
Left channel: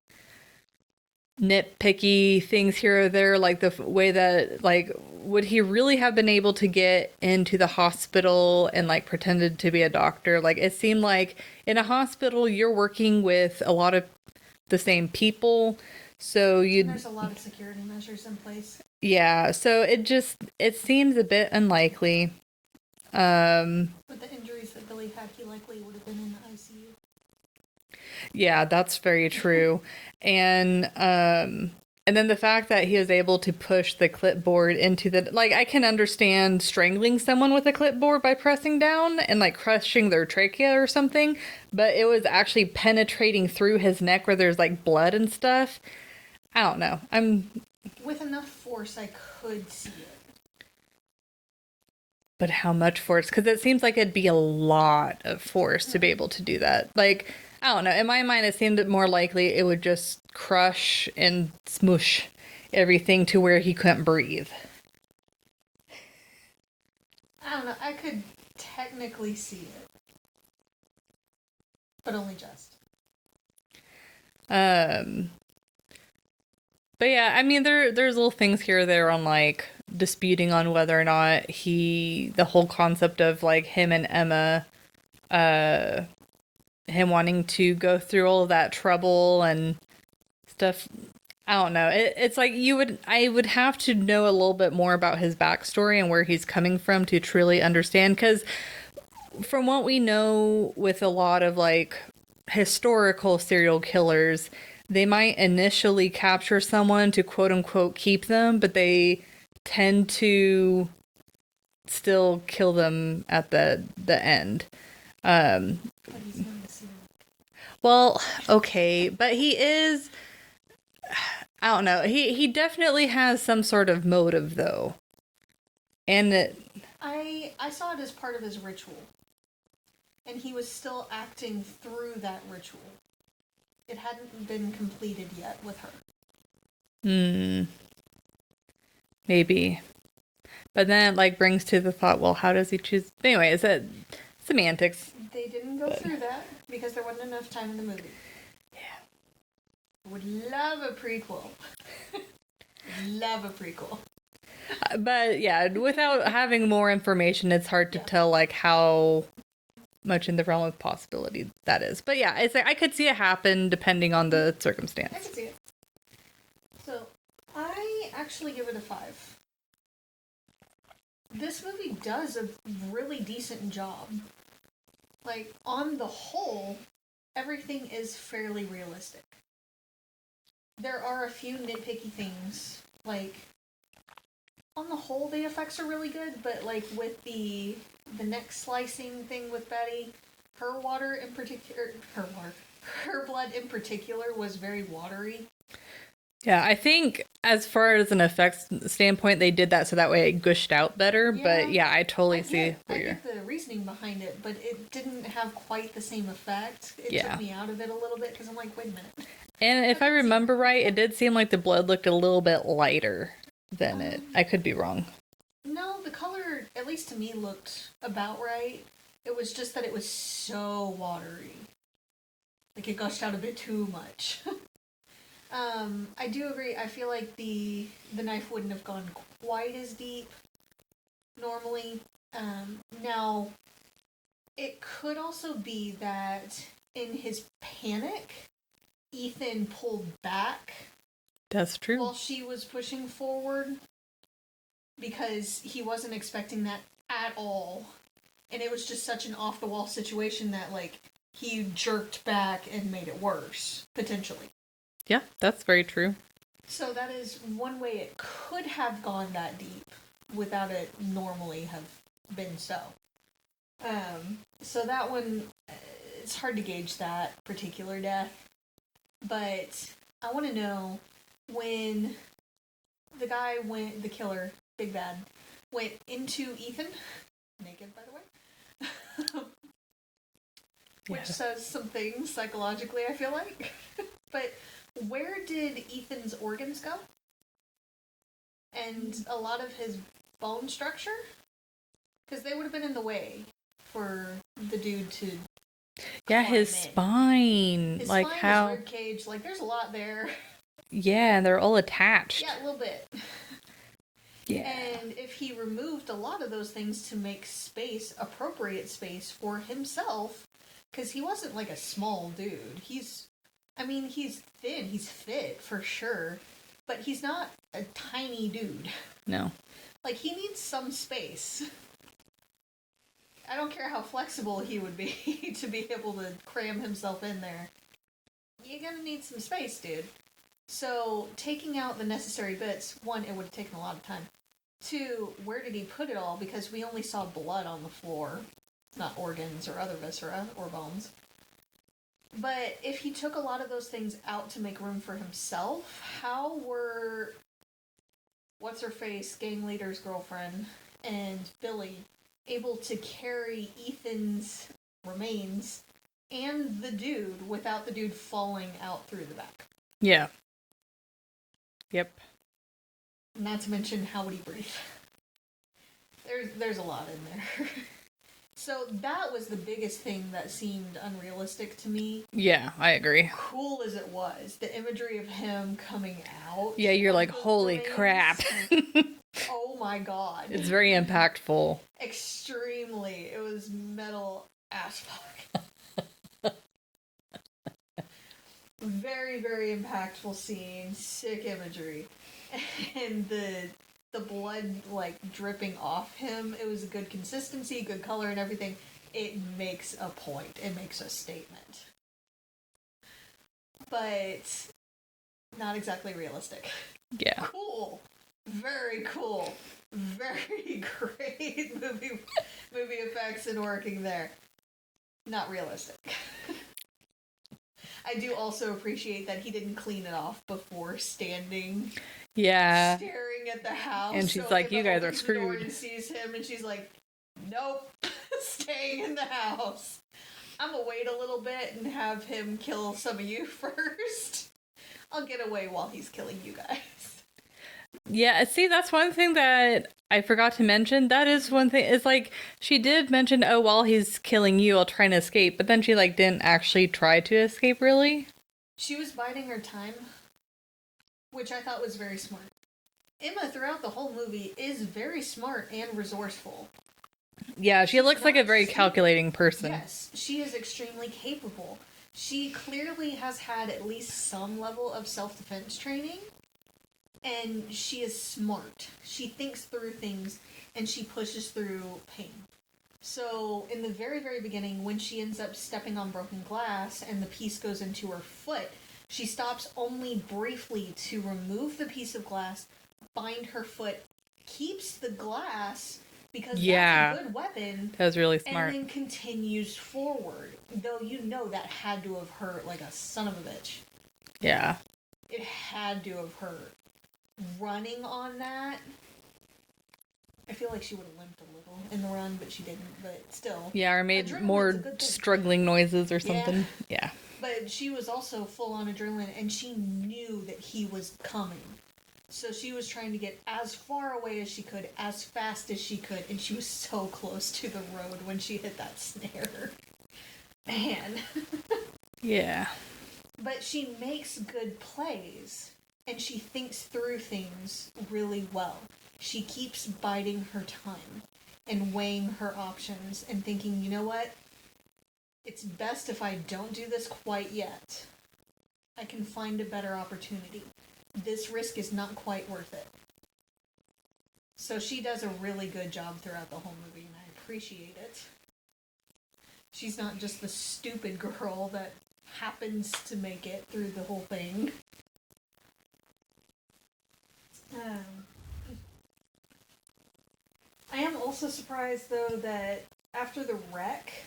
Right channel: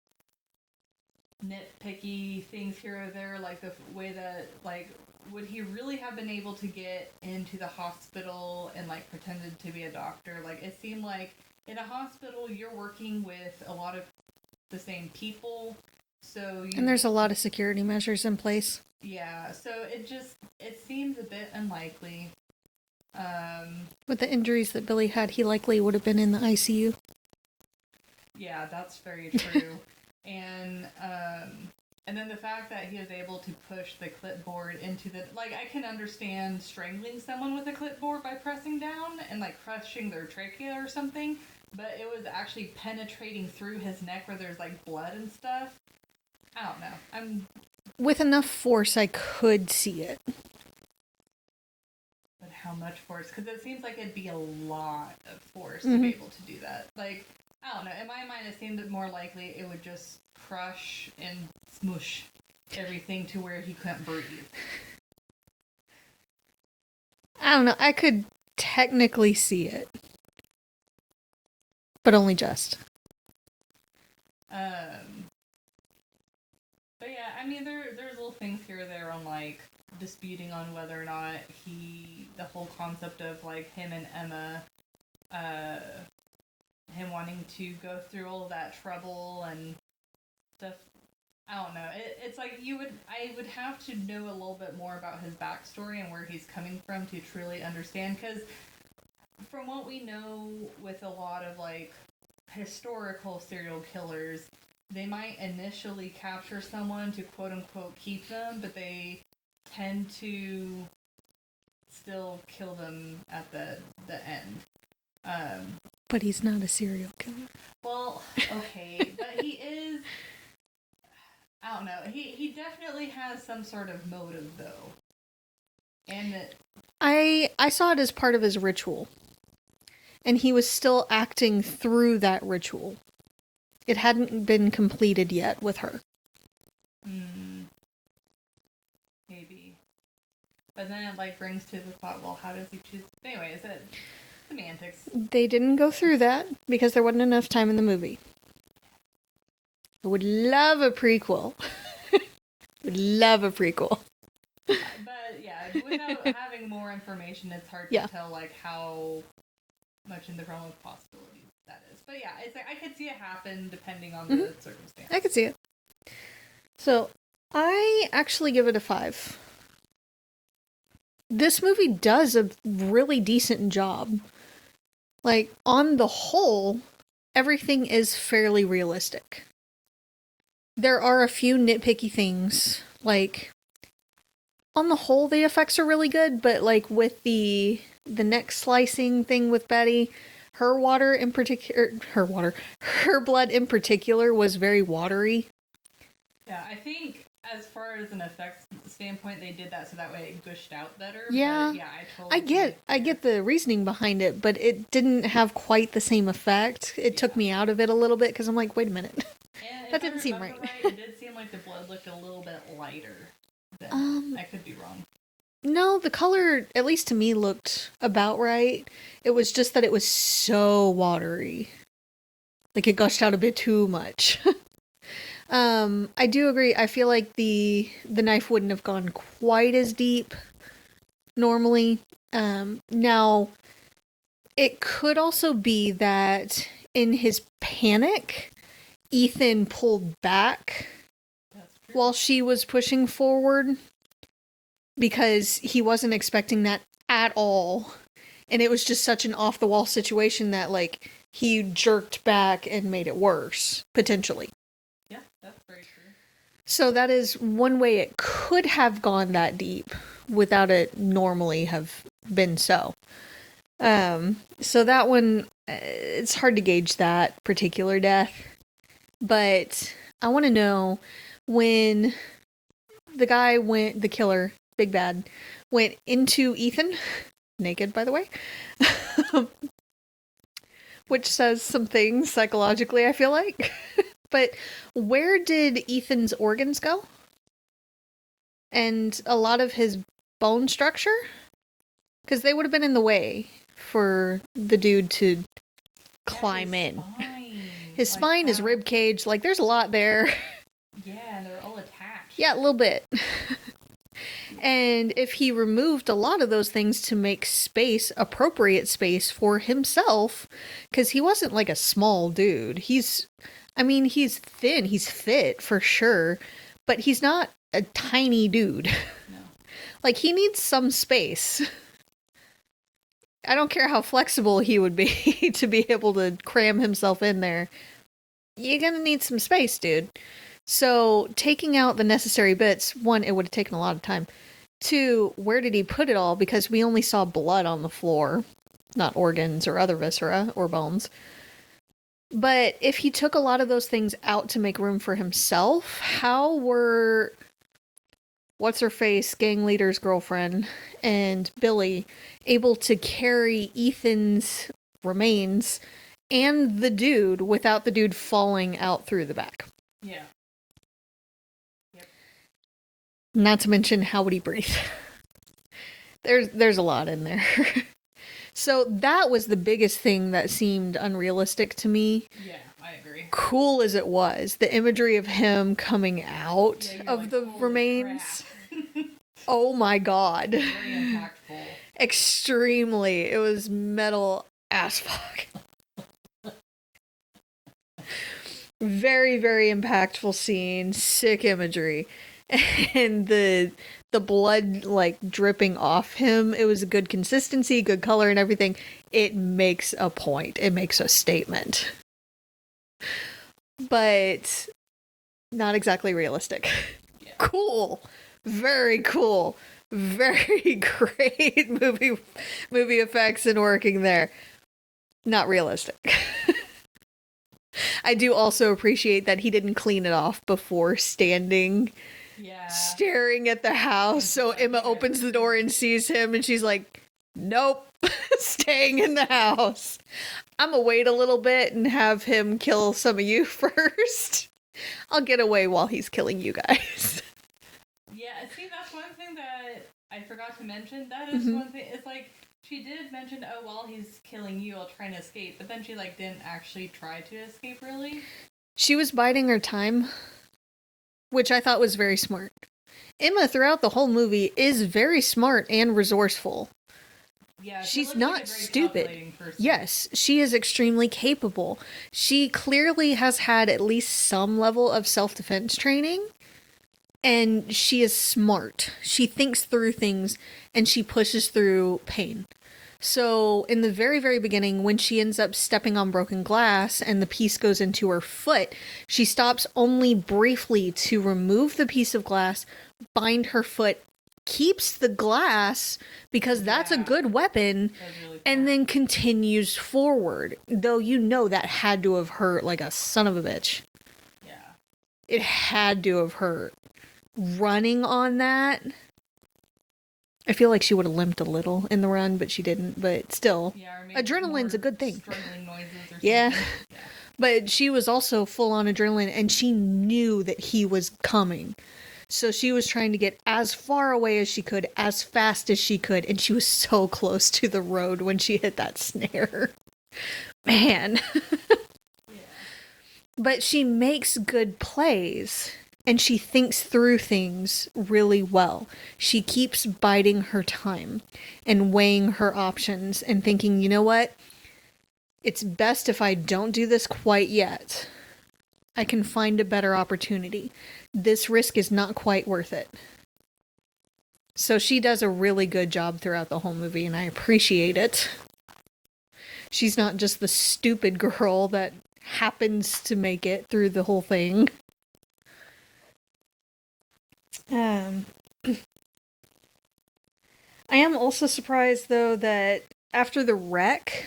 nitpicky things here or there, like the way that, like, would he really have been able to get into the hospital and like pretended to be a doctor? Like, it seemed like in a hospital you're working with a lot of the same people, so and there's a lot of security measures in place. Yeah, so it seems a bit unlikely. With the injuries that Billy had, he likely would have been in the ICU. Yeah, that's very true. And then the fact that he was able to push the clipboard into the, like, I can understand strangling someone with a clipboard by pressing down and like crushing their trachea or something, but it was actually penetrating through his neck where there's like blood and stuff. I don't know. With enough force, I could see it. But how much force? Because it seems like it'd be a lot of force to be able to do that. Like, I don't know. In my mind, it seemed more likely it would just crush and smoosh everything to where he couldn't breathe. I don't know. I could technically see it. But only just. But yeah, I mean, there's little things here or there on like disputing on whether or not the whole concept of like him and Emma, him wanting to go through all of that trouble and stuff. I don't know. It's like I would have to know a little bit more about his backstory and where he's coming from to truly understand. Because from what we know with a lot of like historical serial killers, they might initially capture someone to quote unquote keep them, but they tend to still kill them at the end. But he's not a serial killer. Well, okay, but he is. I don't know. He definitely has some sort of motive, though, and I saw it as part of his ritual, and he was still acting through that ritual. It hadn't been completed yet with her. Maybe. But then it like brings to the thought, well, how does he choose? Anyway, is it semantics? They didn't go through that because there wasn't enough time in the movie. Yeah. I would love a prequel. Love a prequel. But yeah, without having more information, it's hard to tell like how much in the realm of possibility that is. But yeah, it's like I could see it happen depending on the circumstance. I could see it. So I actually give it a 5. This movie does a really decent job. Like, on the whole, everything is fairly realistic. There are a few nitpicky things. Like, on the whole, the effects are really good, but like with the neck slicing thing with Betty, her blood in particular was very watery. Yeah, I think as far as an effects standpoint, they did that so that way it gushed out better. Yeah, but yeah, I totally see. I get the reasoning behind it, but it didn't have quite the same effect. It took me out of it a little bit because I'm like, wait a minute. And if I remember right, it did seem like the blood looked a little bit lighter than it. I could be wrong. No, the color, at least to me, looked about right. It was just that it was so watery. Like, it gushed out a bit too much. I do agree. I feel like the knife wouldn't have gone quite as deep normally. Now, it could also be that in his panic, Ethan pulled back. That's true. While she was pushing forward, because he wasn't expecting that at all. And it was just such an off-the-wall situation that, like, he jerked back and made it worse, potentially. Yeah, that's very true. So that is one way it could have gone that deep without it normally have been so. So that one, it's hard to gauge that particular death. But I want to know, when the killer, Big Bad, went into Ethan, naked by the way, which says some things psychologically, I feel like. But where did Ethan's organs go? And a lot of his bone structure? Because they would have been in the way for the dude to climb his in. Spine. His spine, his rib cage, like there's a lot there. Yeah, and they're all attached. Yeah, a little bit. Yeah. And if he removed a lot of those things to make space, appropriate space for himself, because he wasn't like a small dude. He's thin, he's fit for sure, but he's not a tiny dude. No. Like, he needs some space. I don't care how flexible he would be to be able to cram himself in there. You're gonna need some space, dude. So, taking out the necessary bits, one, it would have taken a lot of time. Two, where did he put it all? Because we only saw blood on the floor, not organs or other viscera or bones. But if he took a lot of those things out to make room for himself, how were what's-her-face, gang leader's girlfriend, and Billy able to carry Ethan's remains and the dude without the dude falling out through the back? Yeah. Yep. Not to mention, how would he breathe? There's a lot in there. So that was the biggest thing that seemed unrealistic to me. Yeah, I agree. Cool as it was, the imagery of him coming out. Yeah, you're like, holy remains, crap. Oh my god. It's very impactful. Extremely. It was metal as fuck. Very, very impactful scene. Sick imagery. And the blood, like, dripping off him, it was a good consistency, good color and everything. It makes a point. It makes a statement. But not exactly realistic. Yeah. Cool. Very cool. Very great movie effects and working there. Not realistic. I do also appreciate that he didn't clean it off before staring at the house. So like, Emma opens the door and sees him, and she's like, nope, staying in the house. I'm gonna wait a little bit and have him kill some of you first. I'll get away while he's killing you guys. Yeah, see, that's one thing that I forgot to mention. That is one thing. It's like, she did mention, oh, while he's killing you, I'll try and escape. But then she, like, didn't actually try to escape, really. She was biding her time, which I thought was very smart. Emma, throughout the whole movie, is very smart and resourceful. Yeah, she looks like a very calculating person. Yes, she is extremely capable. She clearly has had at least some level of self-defense training. And she is smart. She thinks through things, and she pushes through pain. So, in the very, very beginning, when she ends up stepping on broken glass and the piece goes into her foot, she stops only briefly to remove the piece of glass, bind her foot, keeps the glass, because that's a good weapon. That was really smart. And then continues forward. Though you know that had to have hurt like a son of a bitch. Yeah. It had to have hurt. Running on that, I feel like she would have limped a little in the run, but she didn't. But still, yeah, or made adrenaline's more a good thing. Struggling noises or something. Yeah. But she was also full on adrenaline, and she knew that he was coming, so she was trying to get as far away as she could, as fast as she could, and she was so close to the road when she hit that snare. Man. Yeah. But she makes good plays. And she thinks through things really well. She keeps biding her time and weighing her options and thinking, you know what? It's best if I don't do this quite yet. I can find a better opportunity. This risk is not quite worth it. So she does a really good job throughout the whole movie, and I appreciate it. She's not just the stupid girl that happens to make it through the whole thing. I am also surprised, though, that after the wreck,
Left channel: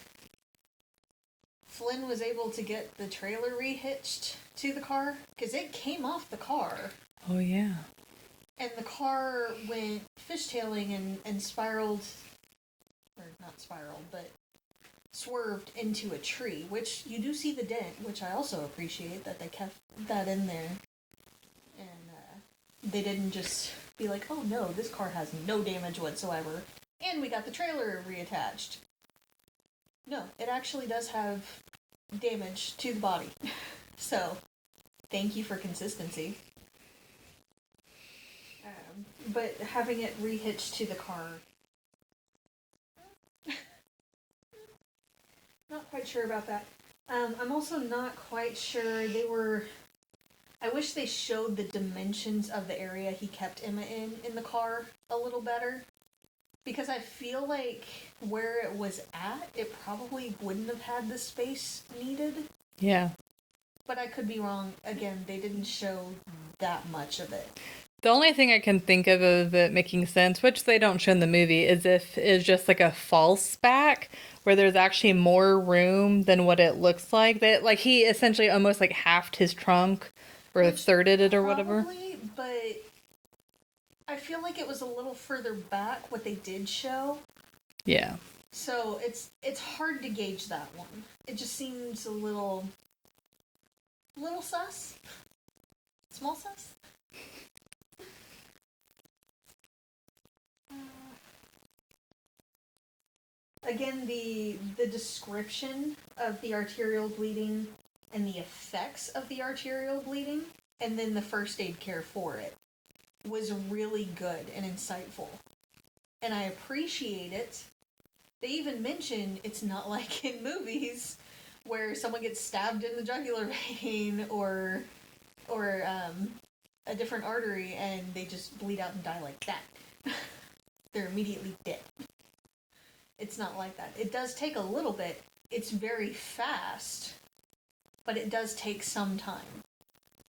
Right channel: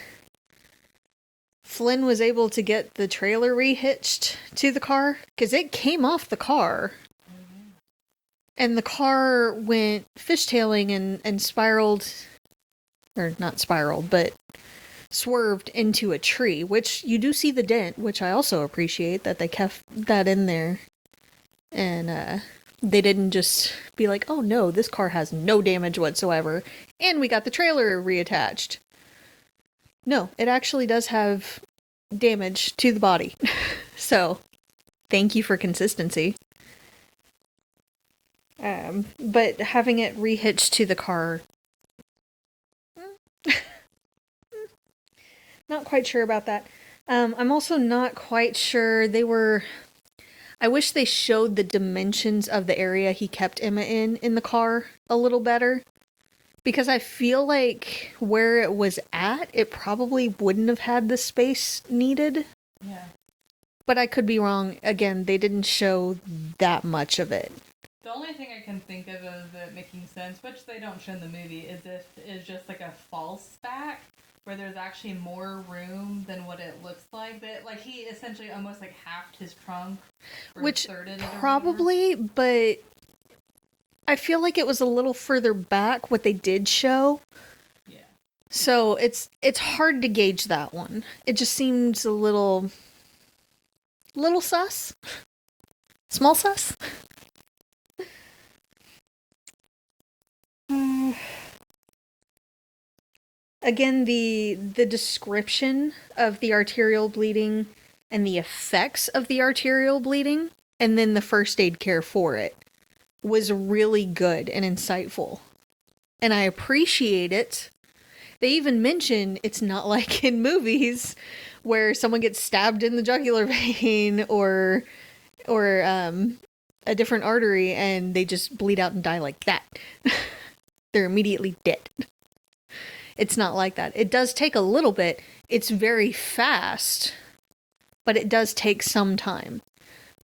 Flynn was able to get the trailer rehitched to the car, because it came off the car. Oh, yeah. And the car went fishtailing and spiraled, or not spiraled, but swerved into a tree, which you do see the dent, which I also appreciate that they kept that in there. And, They didn't just be like, oh no, this car has no damage whatsoever, and we got the trailer reattached. No, it actually does have damage to the body. So, thank you for consistency. But having it rehitched to the car, not quite sure about that. I'm also not quite sure I wish they showed the dimensions of the area he kept Emma in the car a little better. Because I feel like where it was at, it probably wouldn't have had the space needed. Yeah. But I could be wrong. Again, they didn't show that much of it. The only thing I can think of it making sense, which they don't show in the movie, is just like a false back where there's actually more room than what it looks like. That like he essentially almost like halved his trunk or thirded it or whatever. Probably, but I feel like it was a little further back what they did show. Yeah. So it's hard to gauge that one. It just seems a little sus. Small sus. Again, the description of the arterial bleeding and the effects of the arterial bleeding and then the first aid care for it was really good and insightful. And I appreciate it. They even mention it's not like in movies where someone gets stabbed in the jugular vein or a different artery and they just bleed out and die like that. They're immediately dead. It's not like that. It does take a little bit. It's very fast, but it does take some time.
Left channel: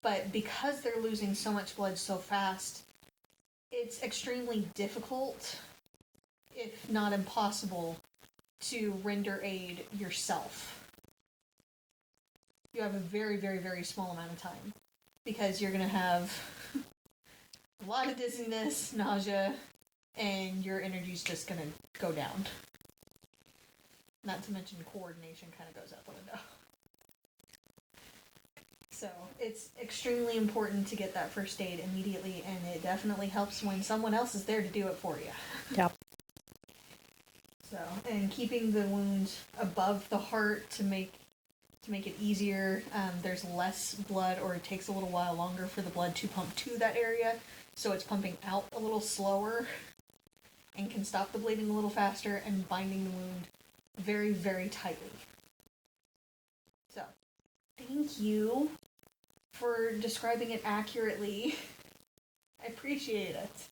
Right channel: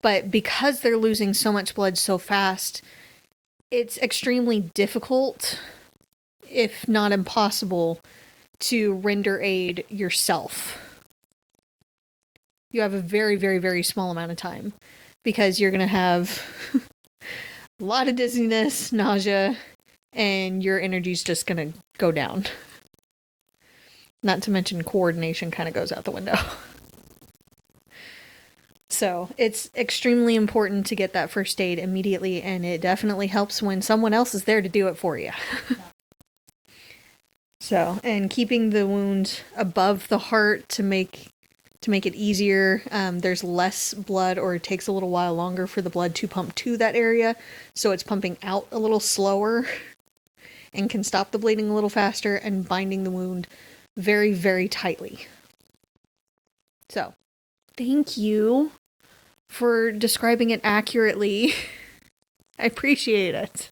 But because they're losing so much blood so fast, it's extremely difficult, if not impossible, to render aid yourself. You have a very, very, very small amount of time because you're going to have a lot of dizziness, nausea, and your energy's just going to go down. Not to mention coordination kind of goes out the window. So it's extremely important to get that first aid immediately, and it definitely helps when someone else is there to do it for you. Yep. So, and keeping the wound above the heart to make it easier. There's less blood, or it takes a little while longer for the blood to pump to that area, so it's pumping out a little slower and can stop the bleeding a little faster and binding the wound very, very tightly. So, thank you for describing it accurately. I appreciate it.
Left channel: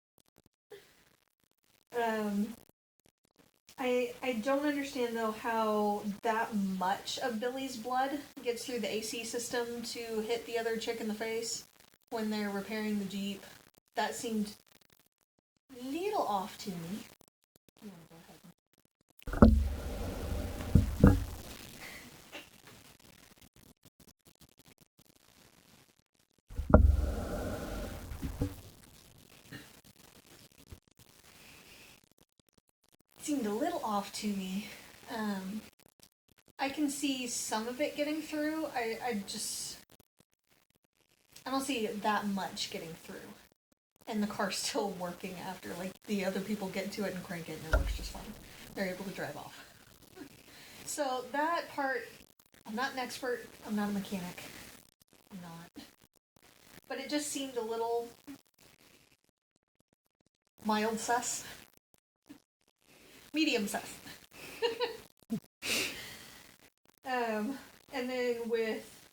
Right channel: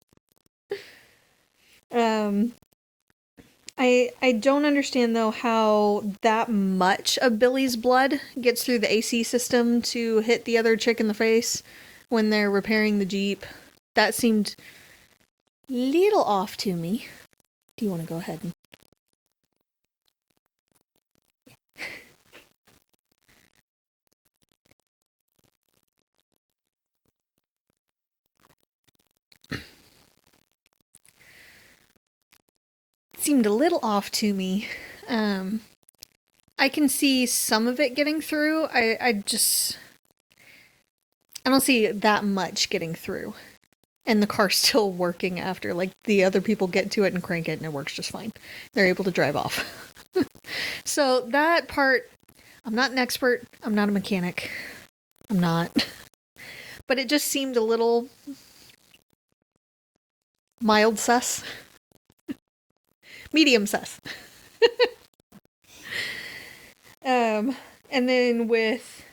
I don't understand, though, how that much of Billy's blood gets through the AC system to hit the other chick in the face when they're repairing the Jeep. That seemed a little off to me. Do you want to go ahead and... seemed a little off to me. I can see some of it getting through. I don't see that much getting through. And the car's still working after. Like, the other people get to it and crank it and it works just fine. They're able to drive off. So that part, I'm not an expert. I'm not a mechanic. I'm not. But it just seemed a little mild sus. Medium sus. And then with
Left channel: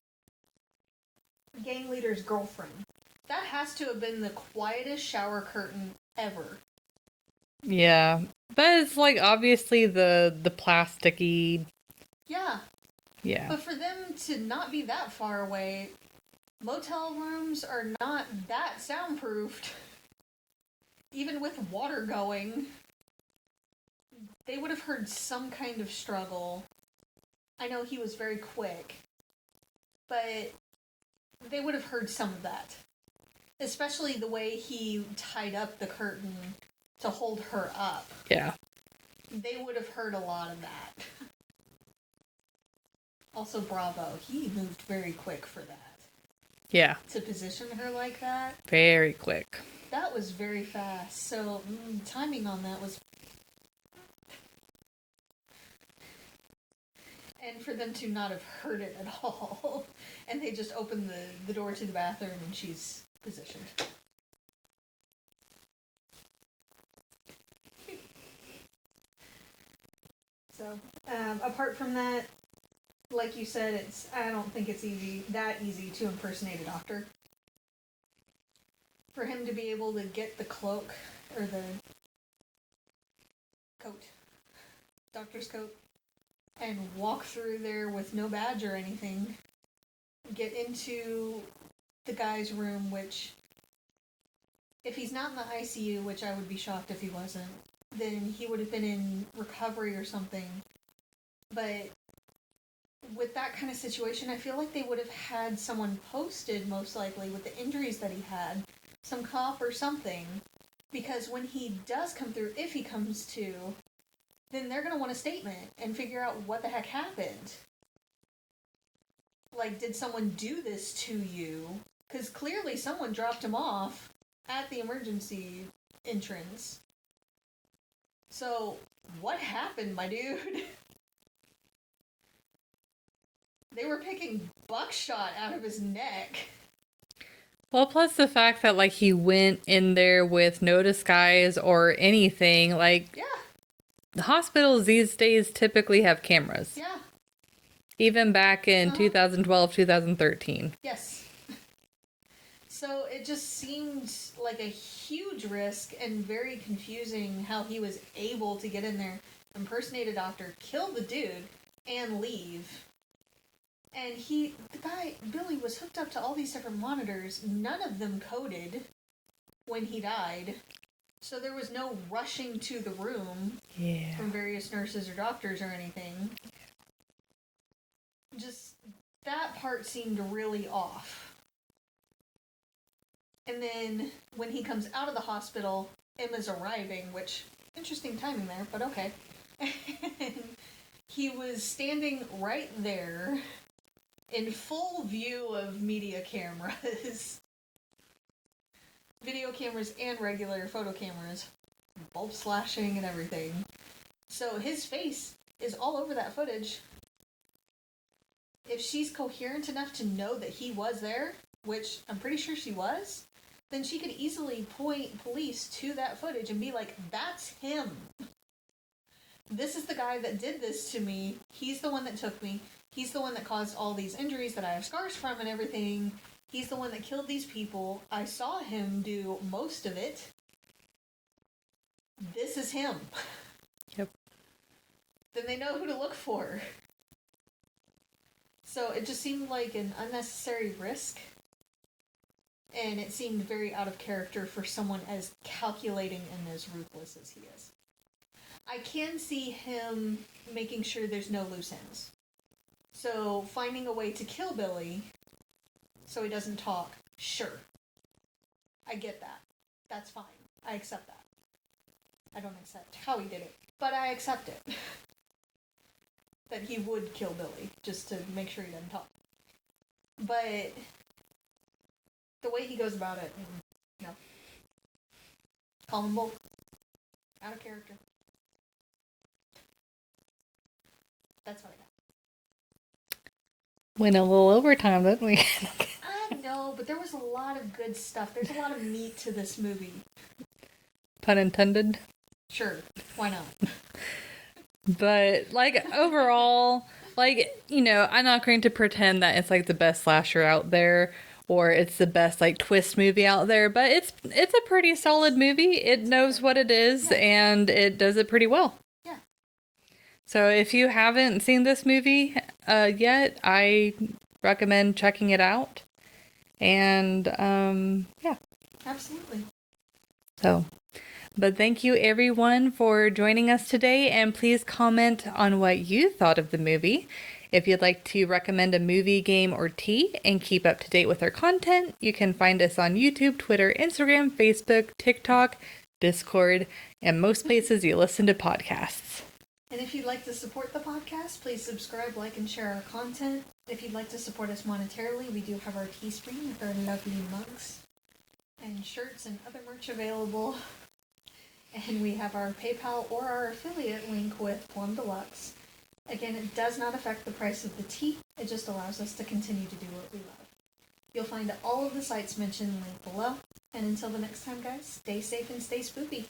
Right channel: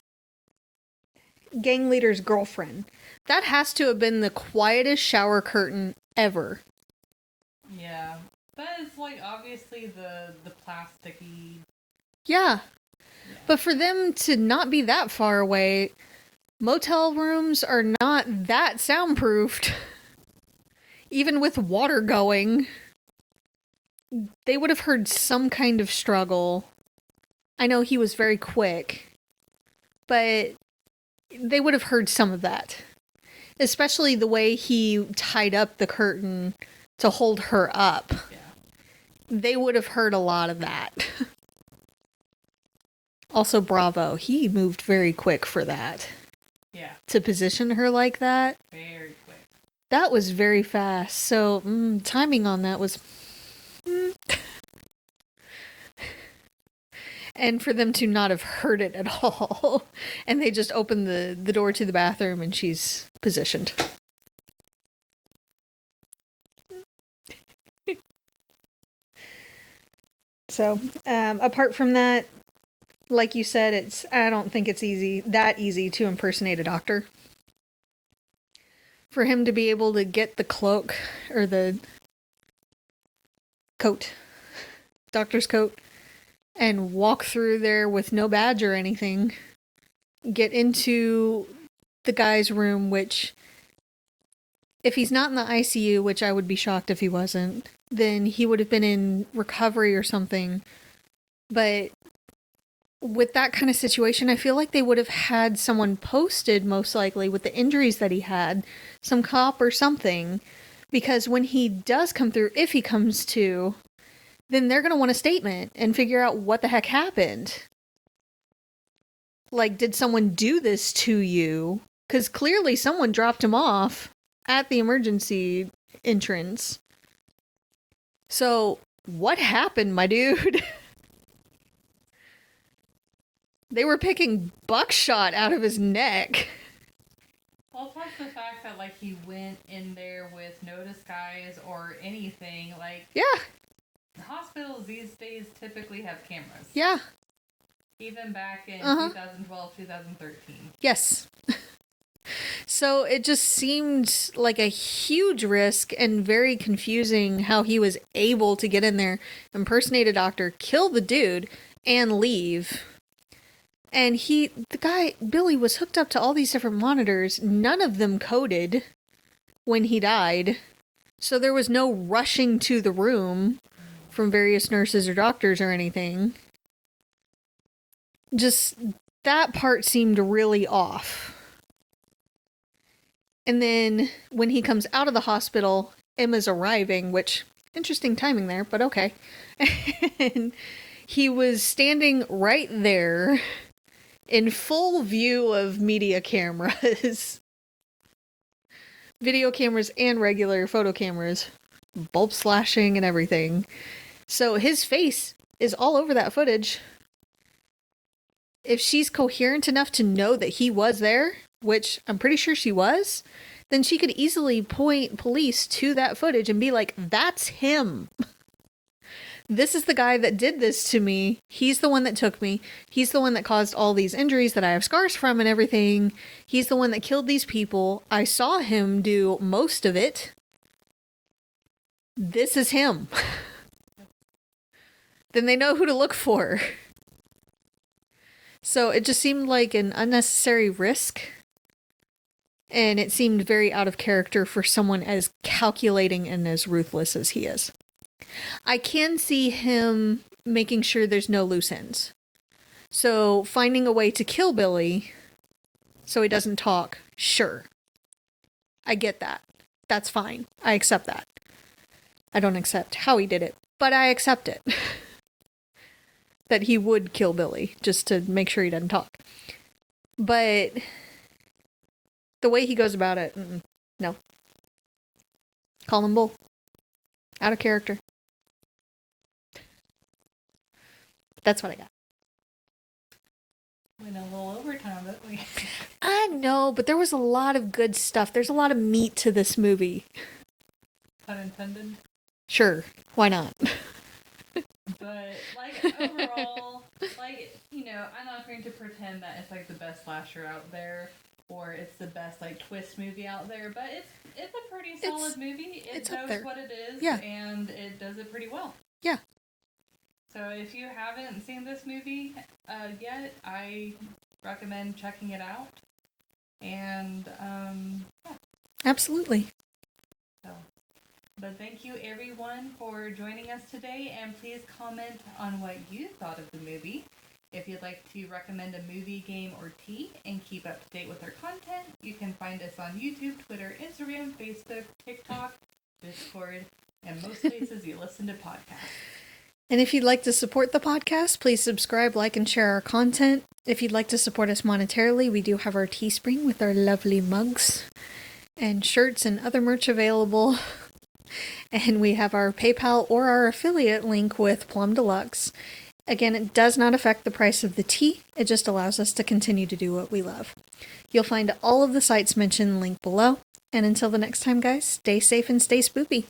gang leader's girlfriend, that has to have been the quietest shower curtain ever. Yeah, but it's like obviously the plasticky. Yeah. Yeah. But for them to not be that far away, motel rooms are not that soundproofed. Even with water going, they would have heard some kind of struggle. I know he was very quick, but they would have heard some of that. Especially the way he tied up the curtain to hold her up. Yeah. They would have heard a lot of that. Also, bravo. He moved very quick for that. Yeah. To position her like that. Very quick. That was very fast. So, timing on that was... And for them to not have heard it at all. And they just open the door to the bathroom and she's positioned. So, apart from that, like you said, I don't think it's that easy to impersonate a doctor. For him to be able to get the cloak, or the coat, doctor's coat, and walk through there with no badge or anything, get into the guy's room, which, if he's not in the ICU, which I would be shocked if he wasn't, then he would have been in recovery or something. But with that kind of situation, I feel like they would have had someone posted, most likely, with the injuries that he had, some cop or something, because when he does come through, if he comes to, then they're going to want a statement and figure out what the heck happened. Like, did someone do this to you? Because clearly someone dropped him off at the emergency entrance. So, what happened, my dude? They were picking buckshot out of his neck. Well, plus the fact that, like, he went in there with no disguise or anything. Like, yeah. The hospitals these days typically have cameras. Yeah. Even back in 2012, 2013. Yes. So it just seemed like a huge risk and very confusing how he was able to get in there, impersonate a doctor, kill the dude, and leave. And Billy was hooked up to all these different monitors. None of them coded when he died. So there was no rushing to the room from various nurses or doctors or anything. Just that part seemed really off. And then when he comes out of the hospital, Emma's arriving, which, interesting timing there, but okay. And he was standing right there in full view of media cameras. Video cameras and regular photo cameras. Bulb slashing and everything. So his face is all over that footage. If she's coherent enough to know that he was there, which I'm pretty sure she was, then she could easily point police to that footage and be like, that's him. This is the guy that did this to me. He's the one that took me. He's the one that caused all these injuries that I have scars from and everything. He's the one that killed these people. I saw him do most of it. This is him. Yep. Then they know who to look for. So it just seemed like an unnecessary risk. And it seemed very out of character for someone as calculating and as ruthless as he is. I can see him making sure there's no loose ends. So finding a way to kill Billy so he doesn't talk, sure. I get that. That's fine. I accept that. I don't accept how he did it, but I accept it. That he would kill Billy just to make sure he doesn't talk. But the way he goes about it, no. Call him bull. Out of character. That's what I got. Went a little overtime, didn't we? I know, but there was a lot of good stuff. There's a lot of meat to this movie. Pun intended. Sure. Why not? But, like, overall, like, you know, I'm not going to pretend that it's, like, the best slasher out there, or it's the best, like, twist movie out there, but it's a pretty solid movie. It knows what it is, and it does it pretty well. Yeah. So if you haven't seen this movie yet, I recommend checking it out. And, yeah. Absolutely. So... But thank you everyone for joining us today, and please comment on what you thought of the movie. If you'd like to recommend a movie, game, or tea and keep up to date with our content, you can find us on YouTube, Twitter, Instagram, Facebook, TikTok, Discord, and most places you listen to podcasts. And if you'd like to support the podcast, please subscribe, like, and share our content. If you'd like to support us monetarily, we do have our Teespring with our lovely mugs and shirts and other merch available. And we have our PayPal or our affiliate link with Plum Deluxe. Again, it does not affect the price of the tea. It just allows us to continue to do what we love. You'll find all of the sites mentioned linked below. And until the next time, guys, stay safe and stay spoopy.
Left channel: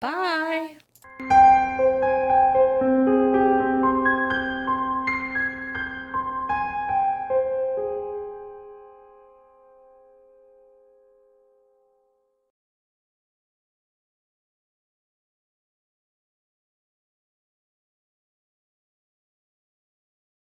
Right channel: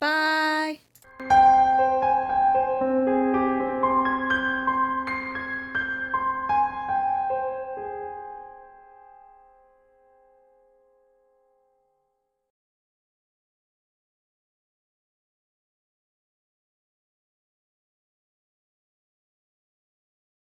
Bye!